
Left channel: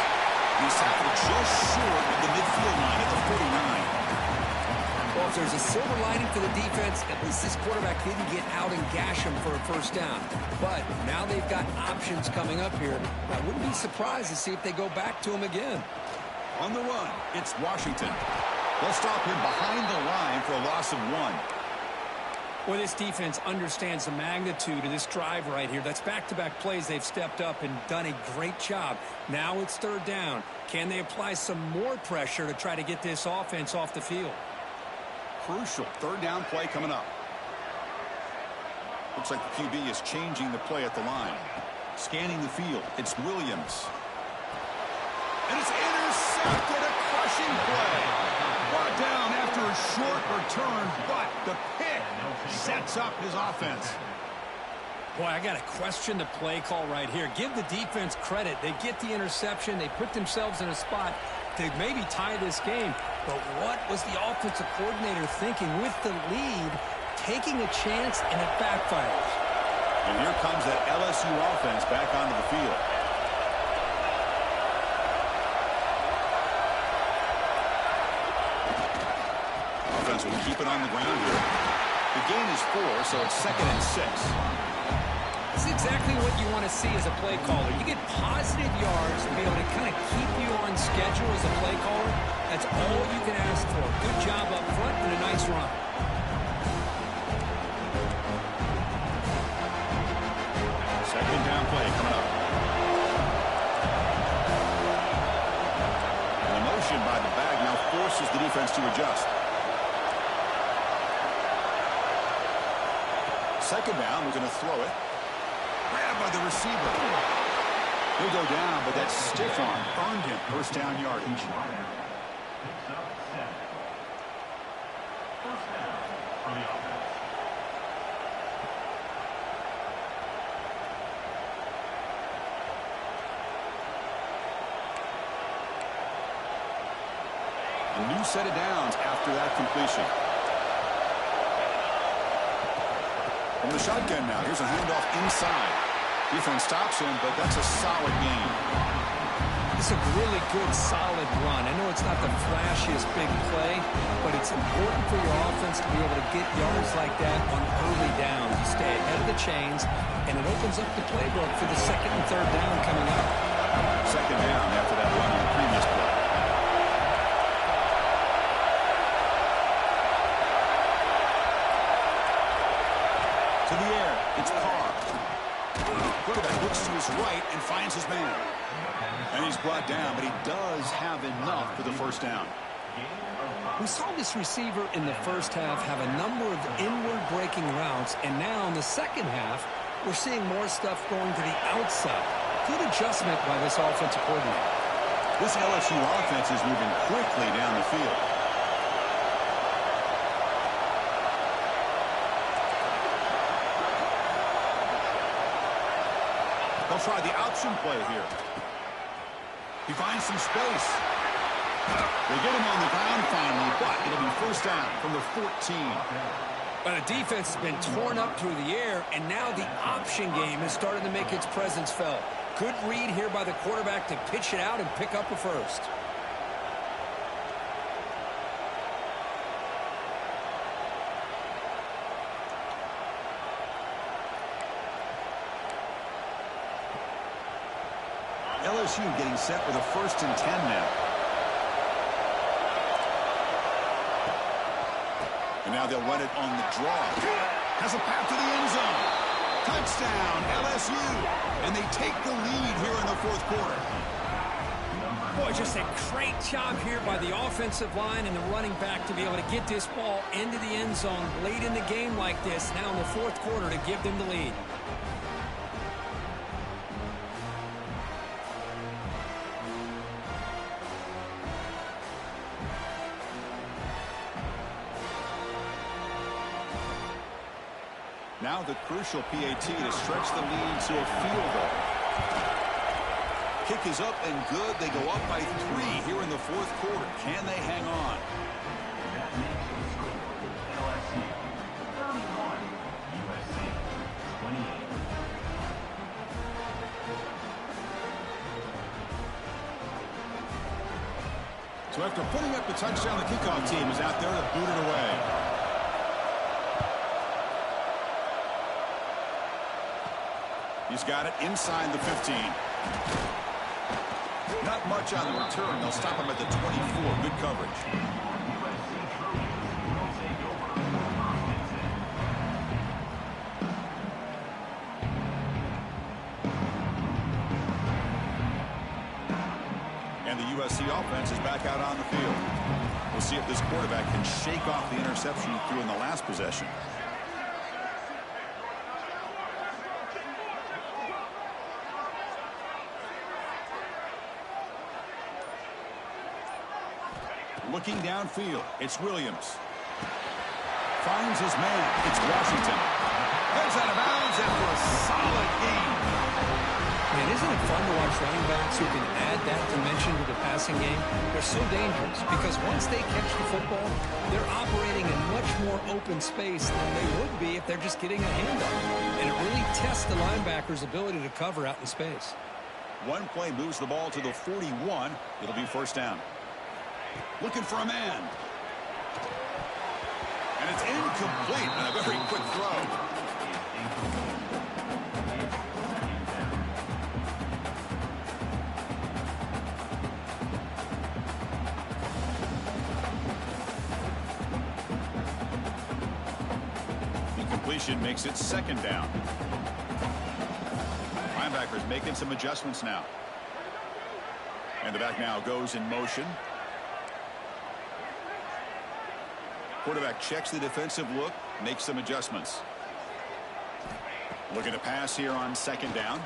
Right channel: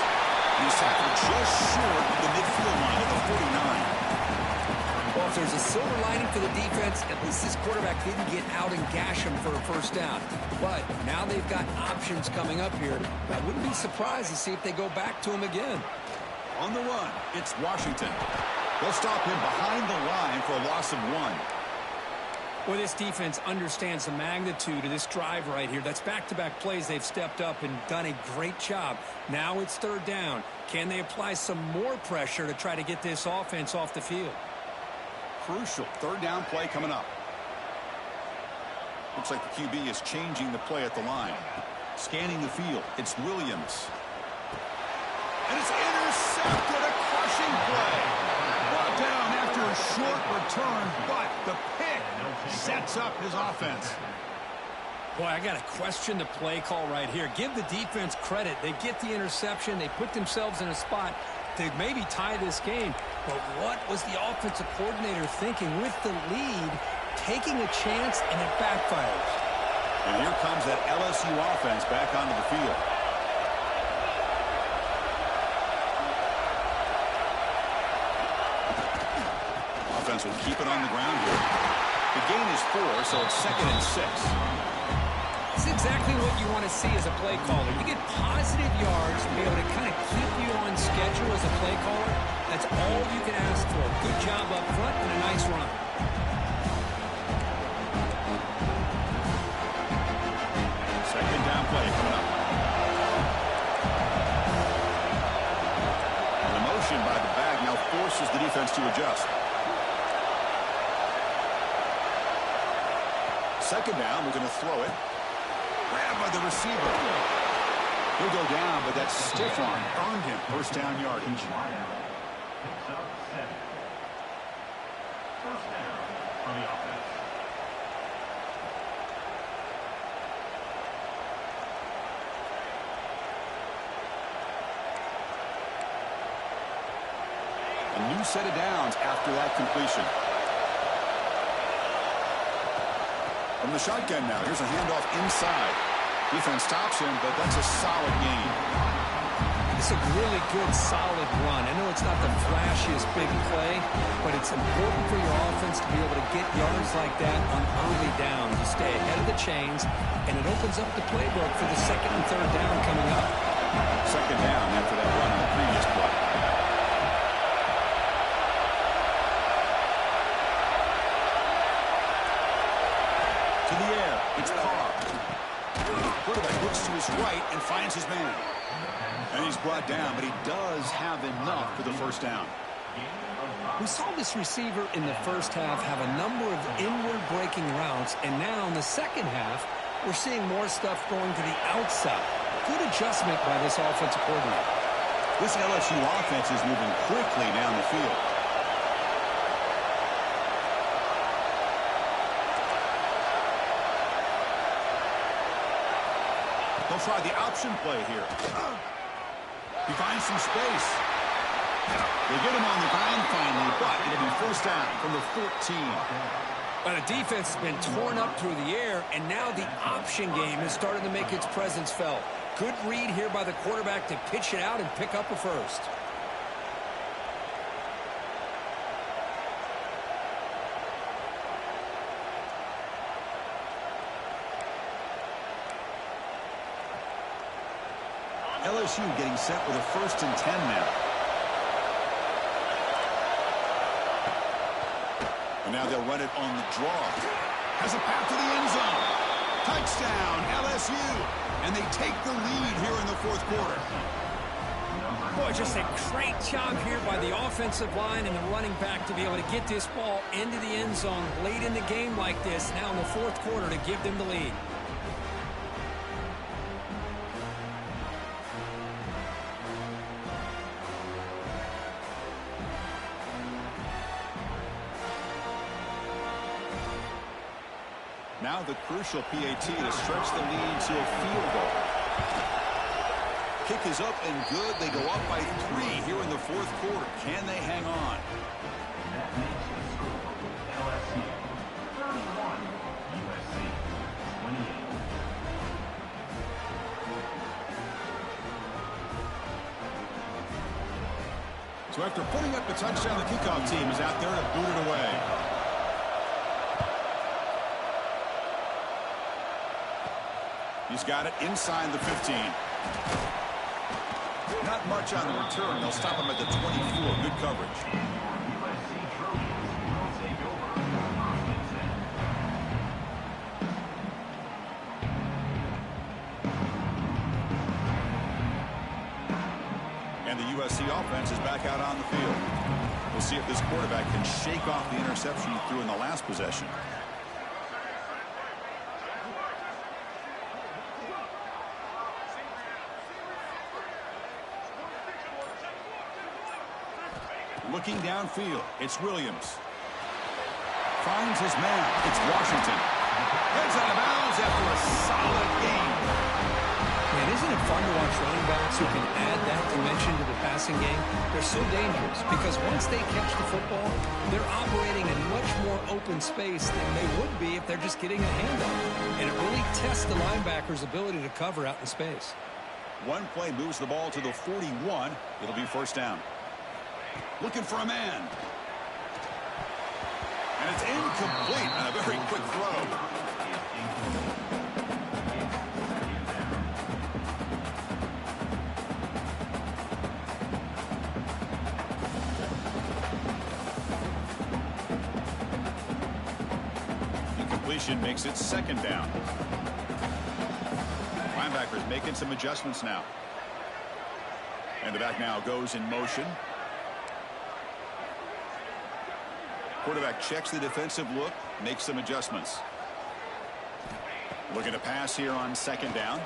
He's tackled just short of the midfield line at the 49. Well, if there's a silver lining for the defense, at least this quarterback didn't get out and gash him for a first down. But now they've got options coming up here. I wouldn't be surprised to see if they go back to him again. On the run, it's Washington. They'll stop him behind the line for a loss of 1. Well, this defense understands the magnitude of this drive right here. That's back-to-back plays. They've stepped up and done a great job. Now it's third down. Can they apply some more pressure to try to get this offense off the field? Crucial third down play coming up. Looks like the QB is changing the play at the line. Scanning the field. It's Williams. And it's intercepted. A crushing play. Brought down after a short return, but the pick sets up his offense. Boy, I got to question the play call right here. Give the defense credit. They get the interception. They put themselves in a spot to maybe tie this game. But what was the offensive coordinator thinking with the lead, taking a chance, and it backfires? And here comes that LSU offense back onto the field. Offense will keep it on the ground here. The gain is 4, so it's 2nd and 6. It's exactly what you want to see as a play caller. You get positive yards to be able to kind of keep you on schedule as a play caller. That's all you can ask for. Good job up front and a nice run. Second down play coming up. And the motion by the bag now forces the defense to adjust. Second down, we're going to throw it. Grabbed by the receiver. He'll go down, but that stiff arm earned him first down yardage. Picks up 7. First down for the offense. A new set of downs after that completion. From the shotgun now, here's a handoff inside. Defense stops him, but that's a solid gain. It's a really good, solid run. I know it's not the flashiest big play, but it's important for your offense to be able to get yards like that on early downs. You stay ahead of the chains, and it opens up the playbook for the second and third down coming up. Second down after that run on the previous play. To the air, it's Carr. Quarterback looks to his right and finds his man. And he's brought down, but he does have enough for the first down. We saw this receiver in the first half have a number of inward breaking routes, and now in the second half, we're seeing more stuff going to the outside. Good adjustment by this offensive coordinator. This LSU offense is moving quickly down the field. They'll try the option play here. He finds some space. They get him on the ground finally, but it'll be first down from the 14. Well, the defense has been torn up through the air, and now the option game is starting to make its presence felt. Good read here by the quarterback to pitch it out and pick up a first. LSU getting set with a 1st and 10 now. And now they'll run it on the draw. Has a path to the end zone. Touchdown, LSU. And they take the lead here in the 4th quarter. Boy, just a great job here by the offensive line and the running back to be able to get this ball into the end zone late in the game like this, now in the 4th quarter, to give them the lead. Now the crucial PAT to stretch the lead to a field goal. Kick is up and good. They go up by 3 here in the 4th quarter. Can they hang on? That makes the score LSU 31, USC 28. So after putting up the touchdown, the kickoff team is out there to boot it away. He's got it inside the 15. Not much on the return. They'll stop him at the 24. Good coverage. USC Trojans will take over 1st and 10. And the USC offense is back out on the field. We'll see if this quarterback can shake off the interception he threw in the last possession. Looking downfield, it's Williams. Finds his man. It's Washington. Heads out of bounds after a solid game. Man, isn't it fun to watch running backs who can add that dimension to the passing game? They're so dangerous because once they catch the football, they're operating in much more open space than they would be if they're just getting a handoff. And it really tests the linebacker's ability to cover out in space. One play moves the ball to the 41. It'll be 1st down. Looking for a man. And it's incomplete on a very quick throw. Incompletion makes it 2nd down. Linebackers making some adjustments now. And the back now goes in motion. Quarterback checks the defensive look, makes some adjustments. Looking to pass here on 2nd down.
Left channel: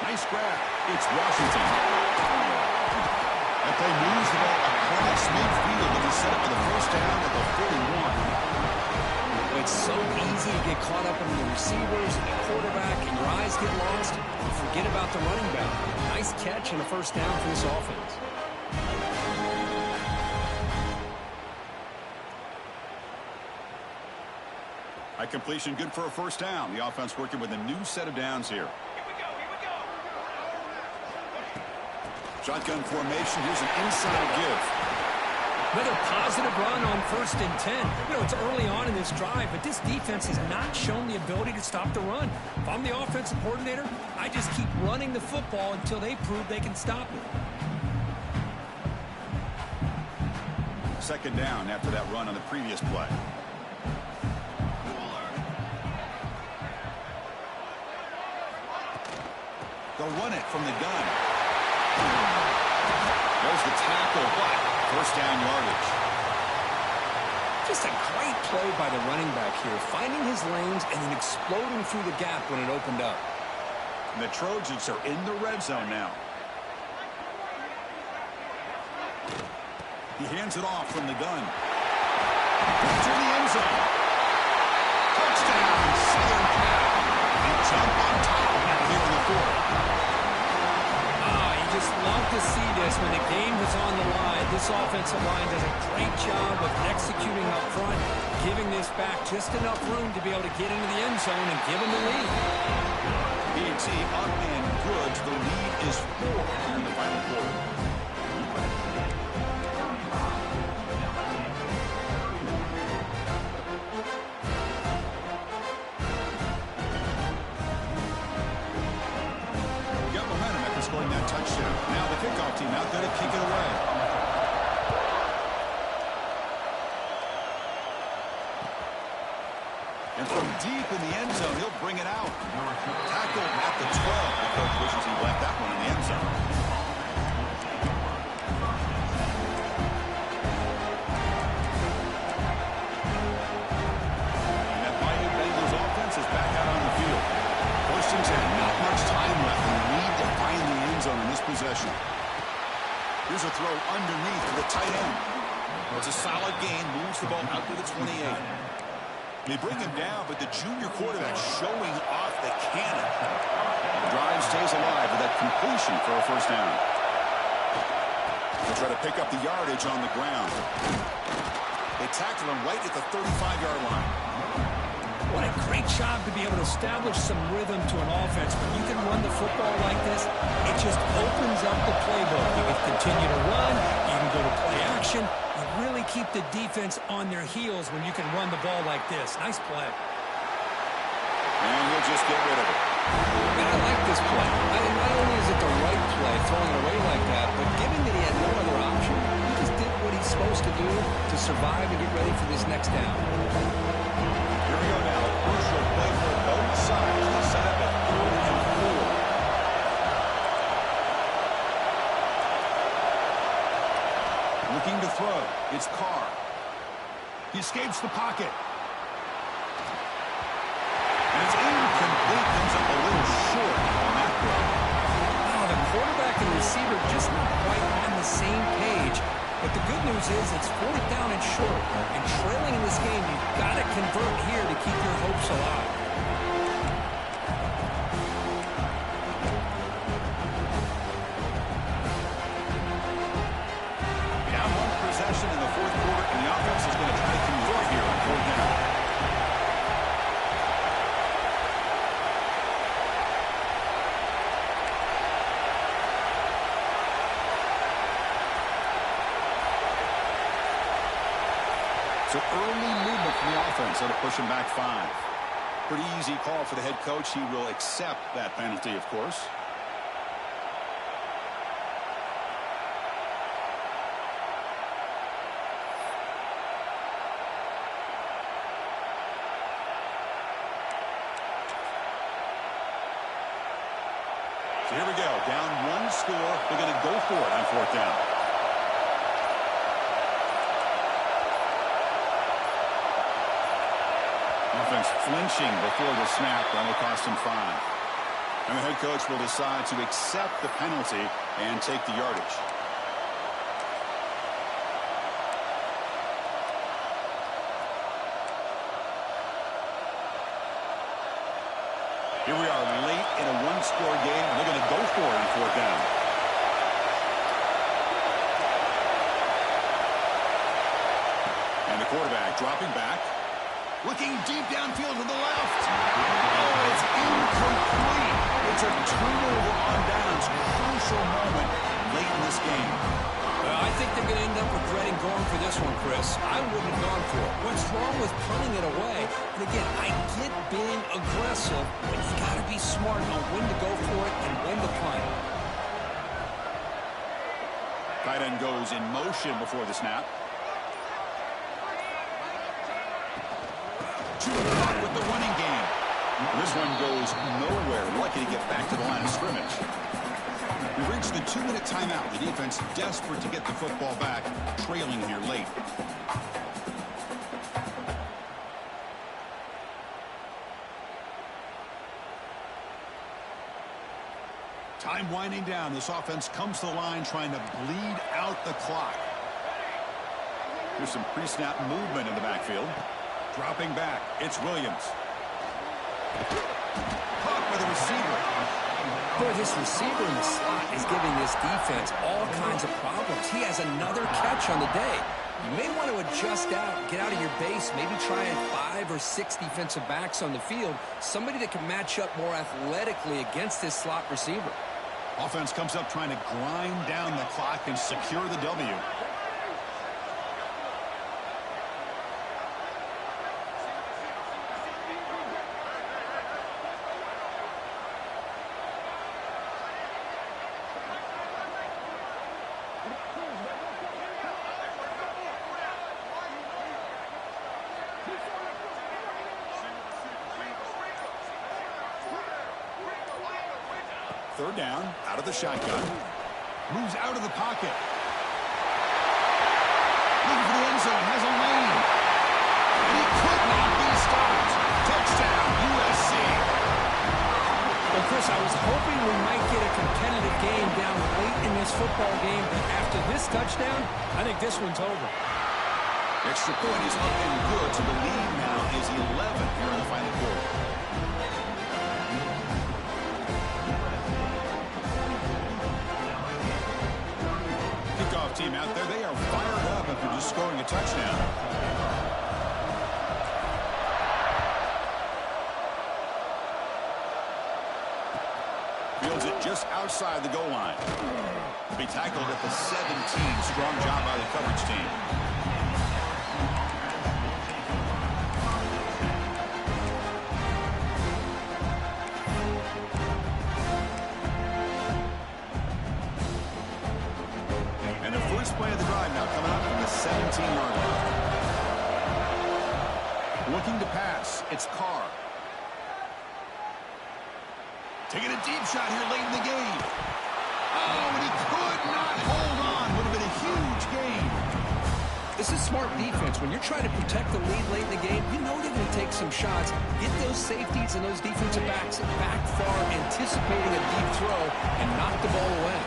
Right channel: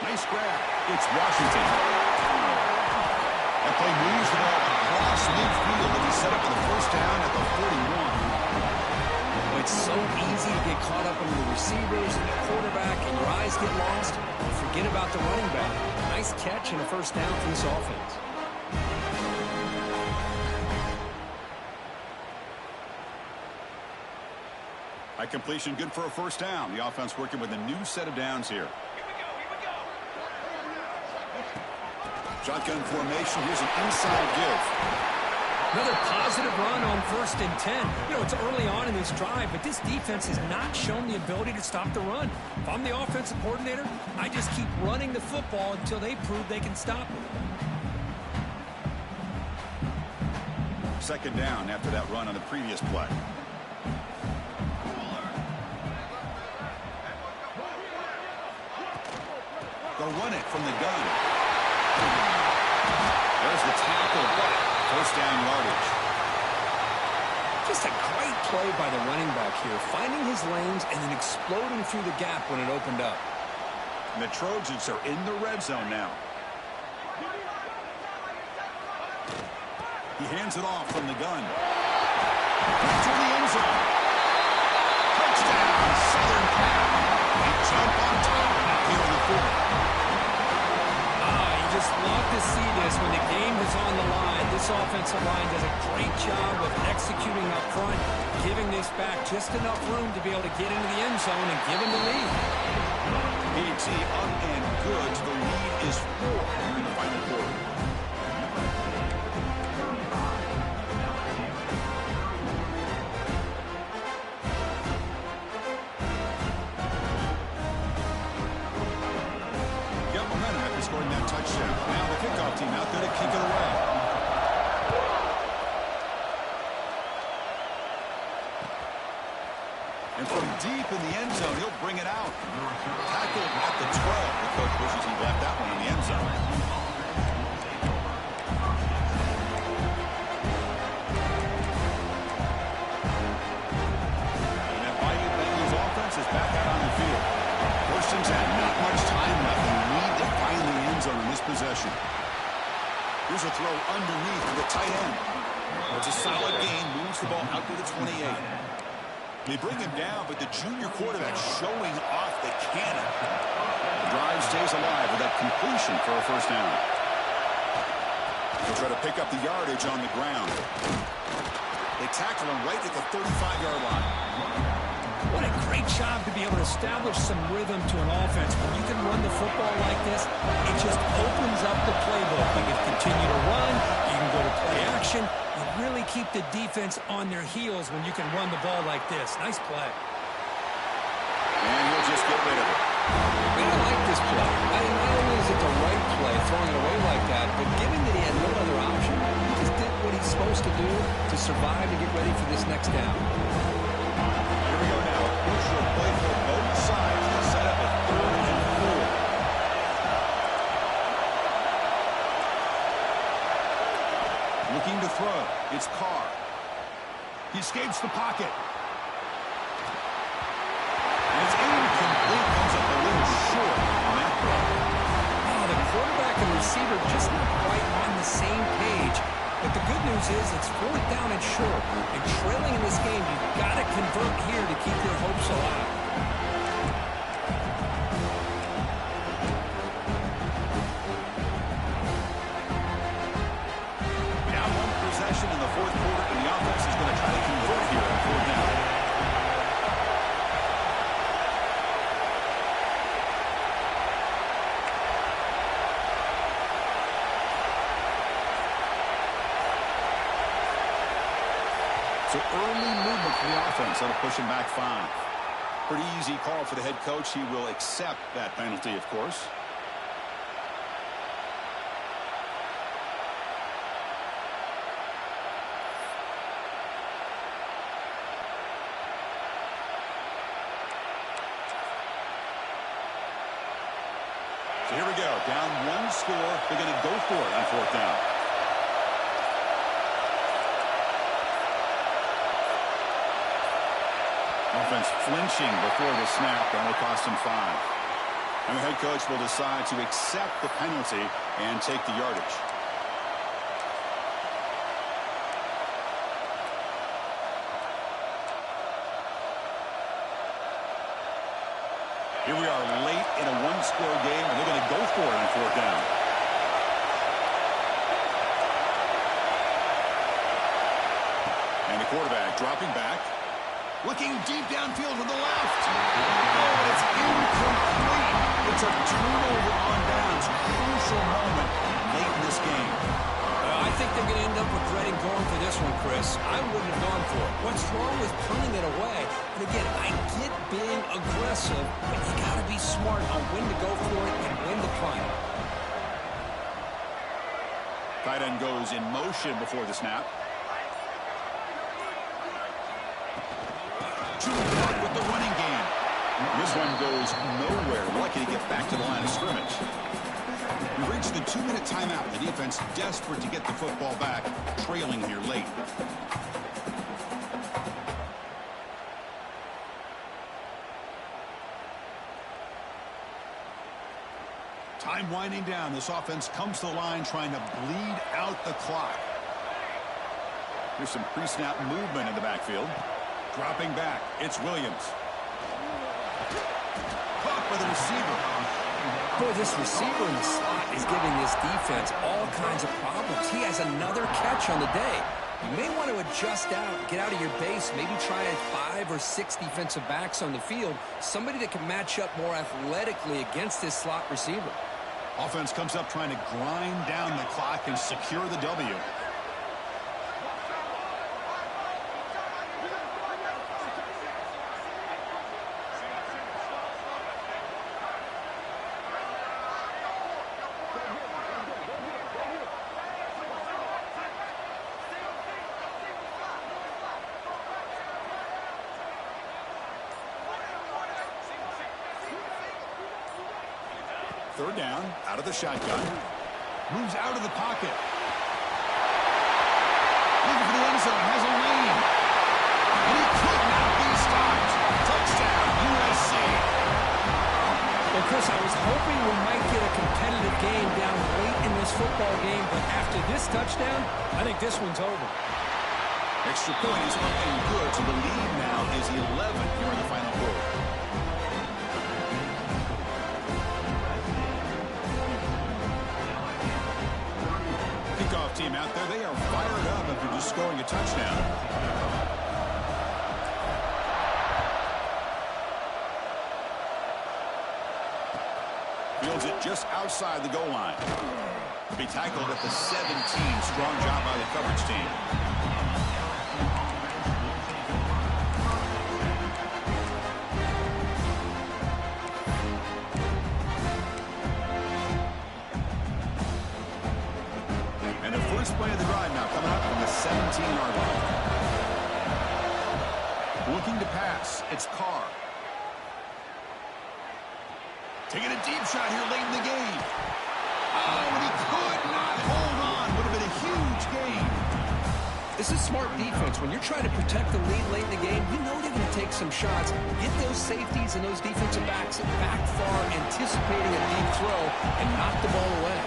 Nice grab. It's Washington. That play moves the ball across midfield and he's set up for the 1st down at the 41. Well, it's so easy to get caught up in the receivers and the quarterback and your eyes get lost. You forget about the running back. Nice catch and a 1st down for this offense. High completion, good for a 1st down. The offense working with a new set of downs here. Here we go. Shotgun formation. Here's an inside give. Another positive run on 1st and 10. You know, it's early on in this drive, but this defense has not shown the ability to stop the run. If I'm the offensive coordinator, I just keep running the football until they prove they can stop it. 2nd down after that run on the previous play. They'll run it from the gun. There's the tackle, but 1st down yardage. Just a great play by the running back here, finding his lanes and then exploding through the gap when it opened up. And the Trojans are in the red zone now. He hands it off from the gun. To the end zone. Touchdown, Southern Cal. They jump on top now here in the 4th. just love to see this when the game is on the line. This offensive line does a great job of executing up front, giving this back just enough room to be able to get into the end zone and give them the lead. P&T up and good. The lead is 4 here in the final quarter. Got momentum after scoring that touchdown. Now the kickoff team out there to kick it away. And from deep in the end zone, he'll bring it out. Tackled at the 12. The coach wishes he left that one in the end zone. And that mighty Bengals offense is back out on the field. First and 10, not much time left. They need to find the end zone in this possession. Here's a throw underneath to the tight end. It's a solid gain, moves the ball out to the 28. They bring him down, but the junior quarterback showing off the cannon. The drive stays alive with that completion for a first down. They'll try to pick up the yardage on the ground. They tackle him right at the 35-yard line. What a great job to be able to establish some rhythm to an offense. When you can run the football like this, it just opens up the playbook. You can continue to run. You can go to play action. You really keep the defense on their heels when you can run the ball like this. Nice play. And he'll just get rid of it. I like this play. Not only is it the right play, throwing it away like that, but given that he had no other option, he just did what he's supposed to do to survive and get ready for this next down. Here we go now. A crucial play for both sides. They set up at 3rd and 4. Looking to throw. It's Carr. He escapes the pocket. And it's incomplete. Comes up a little short on that throw. Oh, the quarterback and receiver just not quite on the same page. But the good news is it's 4th down and short. And trailing in this game, you've got to convert here to keep your hopes alive. Down one possession in the 4th quarter, and the offense is going to try to convert here on 4th down. So early movement from the offense. That'll push him back 5. Pretty easy call for the head coach. He will accept that penalty, of course. So here we go. Down 1 score. They're going to go for it on 4th down. Offense flinching before the snap. That will cost him 5. And the head coach will decide to accept the penalty and take the yardage. Here we are late in a 1-score game, and they're going to go for it on 4th down. And the quarterback dropping back. Looking deep downfield to the left. Oh, and it's incomplete. It's a turnover on downs. Crucial moment late in this game. I think they're going to end up regretting going for this one, Chris. I wouldn't have gone for it. What's wrong with punting it away? And again, I get being aggressive, but you got to be smart on when to go for it and when to punt. Tight end goes in motion before the snap. With the running game. This one goes nowhere. Lucky to get back to the line of scrimmage. We've reached the 2-minute timeout. The defense desperate to get the football back, trailing here late. Time winding down. This offense comes to the line trying to bleed out the clock. Here's some pre-snap movement in the backfield. Dropping back, it's Williams. Caught by the receiver. Boy, this receiver in the slot is giving this defense all kinds of problems. He has another catch on the day. You may want to adjust out, get out of your base, maybe try 5 or 6 defensive backs on the field, somebody that can match up more athletically against this slot receiver. Offense comes up trying to grind down the clock and secure the W. Third down, out of the shotgun. Moves out of the pocket. Looking for the end zone, has a lane. And he could not be stopped. Touchdown, USC. Well, Chris, I was hoping we might get a competitive game down late in this football game, but after this touchdown, I think this one's over. Extra point is up and good, so the lead now is 11 here in the final quarter. Kickoff team out there, they are fired up after just scoring a touchdown. Fields it just outside the goal line. To be tackled at the 17. Strong job by the coverage team. And the first play of the drive now coming up from the 17-yard line. Looking to pass. It's Carr. Taking a deep shot here late in the game. Oh, and he could not hold on. Would have been a huge gain. This is smart defense. When you're trying to protect the lead late in the game, you know they're going to take some shots. Get those safeties and those defensive backs back far, anticipating a deep throw, and knock the ball away.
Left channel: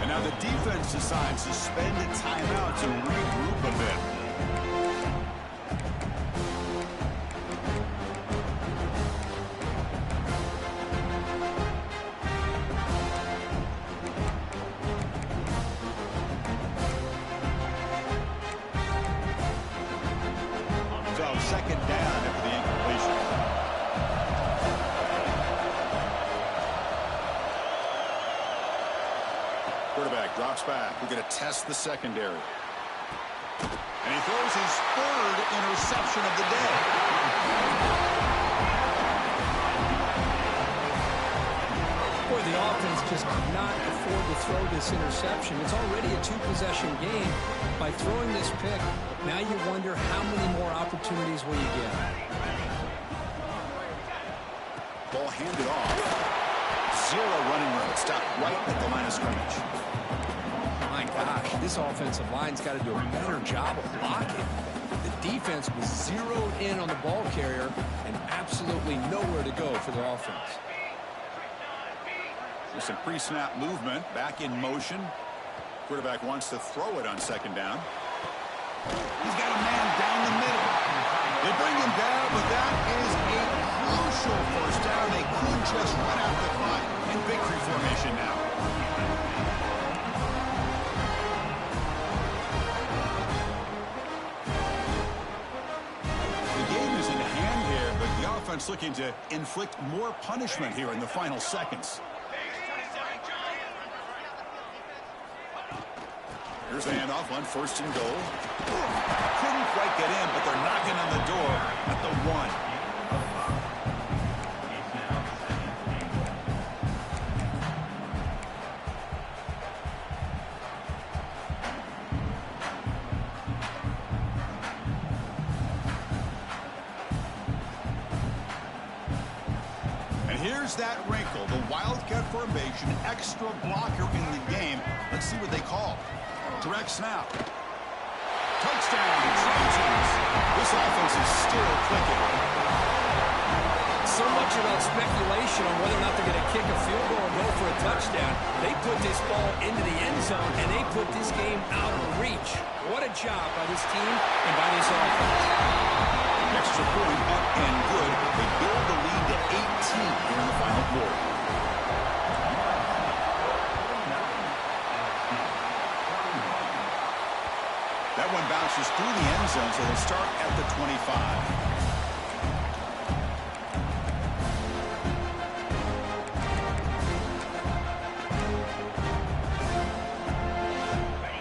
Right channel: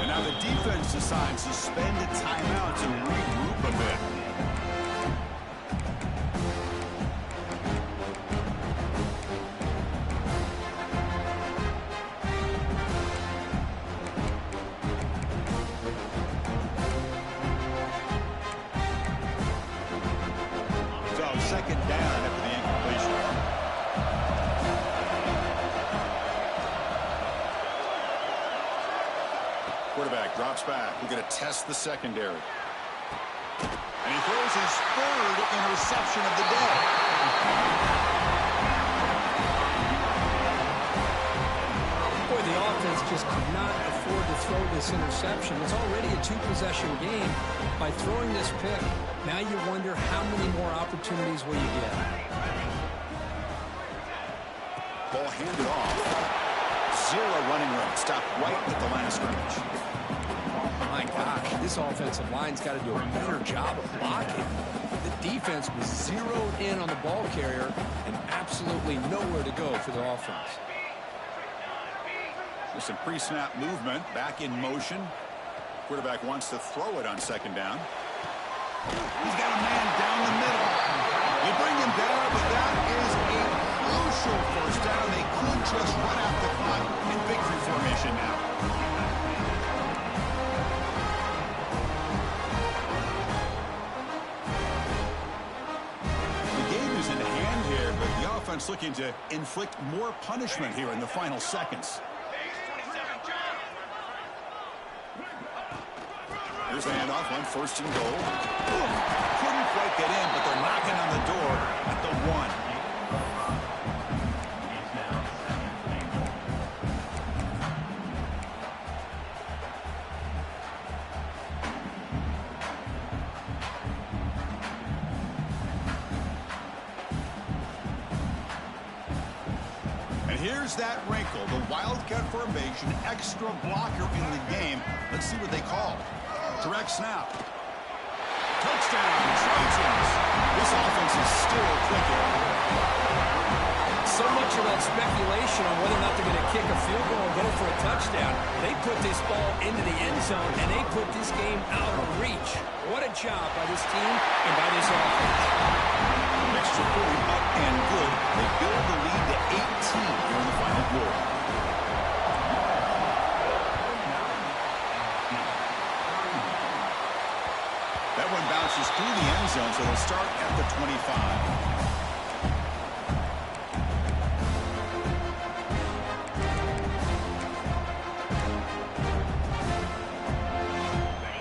And now the defense decides to spend a timeout to regroup a bit. So second down after the incompletion. Quarterback drops back. We're going to test the secondary. And he throws his third interception of the day. Boy, the offense just could not afford to throw this interception. It's already a 2-possession game. By throwing this pick, now you wonder how many more opportunities will you get. Ball handed off. Zero running room. Stopped right at the line of scrimmage. My gosh, this offensive line's got to do a better job of blocking. The defense was zeroed in on the ball carrier and absolutely nowhere to go for the offense. There's some pre-snap movement. Back in motion. Quarterback wants to throw it on second down. He's got a man down the middle. They bring him down, but that is a crucial first down. They could just run out the clock in victory formation now. The game is in hand here, but the offense looking to inflict more punishment here in the final seconds. Here's the handoff on first and goal. Couldn't quite get in, but they're knocking on the door at the 1. And here's that wrinkle, the Wildcat formation, extra blocker in the game. Let's see what they call. Direct snap. Touchdown, Trojans. This offense is still clicking. So much about speculation on whether or not they're going to kick a field goal or go for a touchdown. They put this ball into the end zone, and they put this game out of reach. What a job by this team and by this offense. Extra point up and good. They build the lead to 18 here in the final quarter. bounces through the end zone, so they'll start at the 25.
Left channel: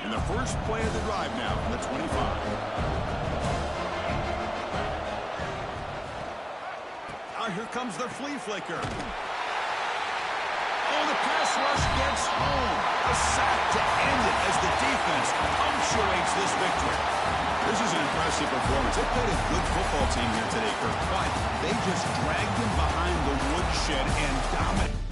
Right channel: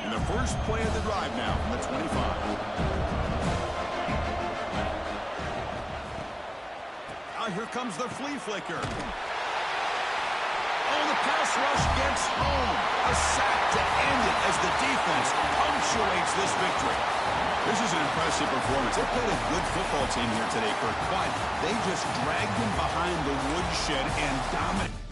And the first play of the drive now from the 25. Now here comes the flea flicker. Oh, the pass rush gets home. A sack to end it as the defense punctuates this victory. This is an impressive performance. They played a good football team here today, Kirk, but they just dragged them behind the woodshed and dominated.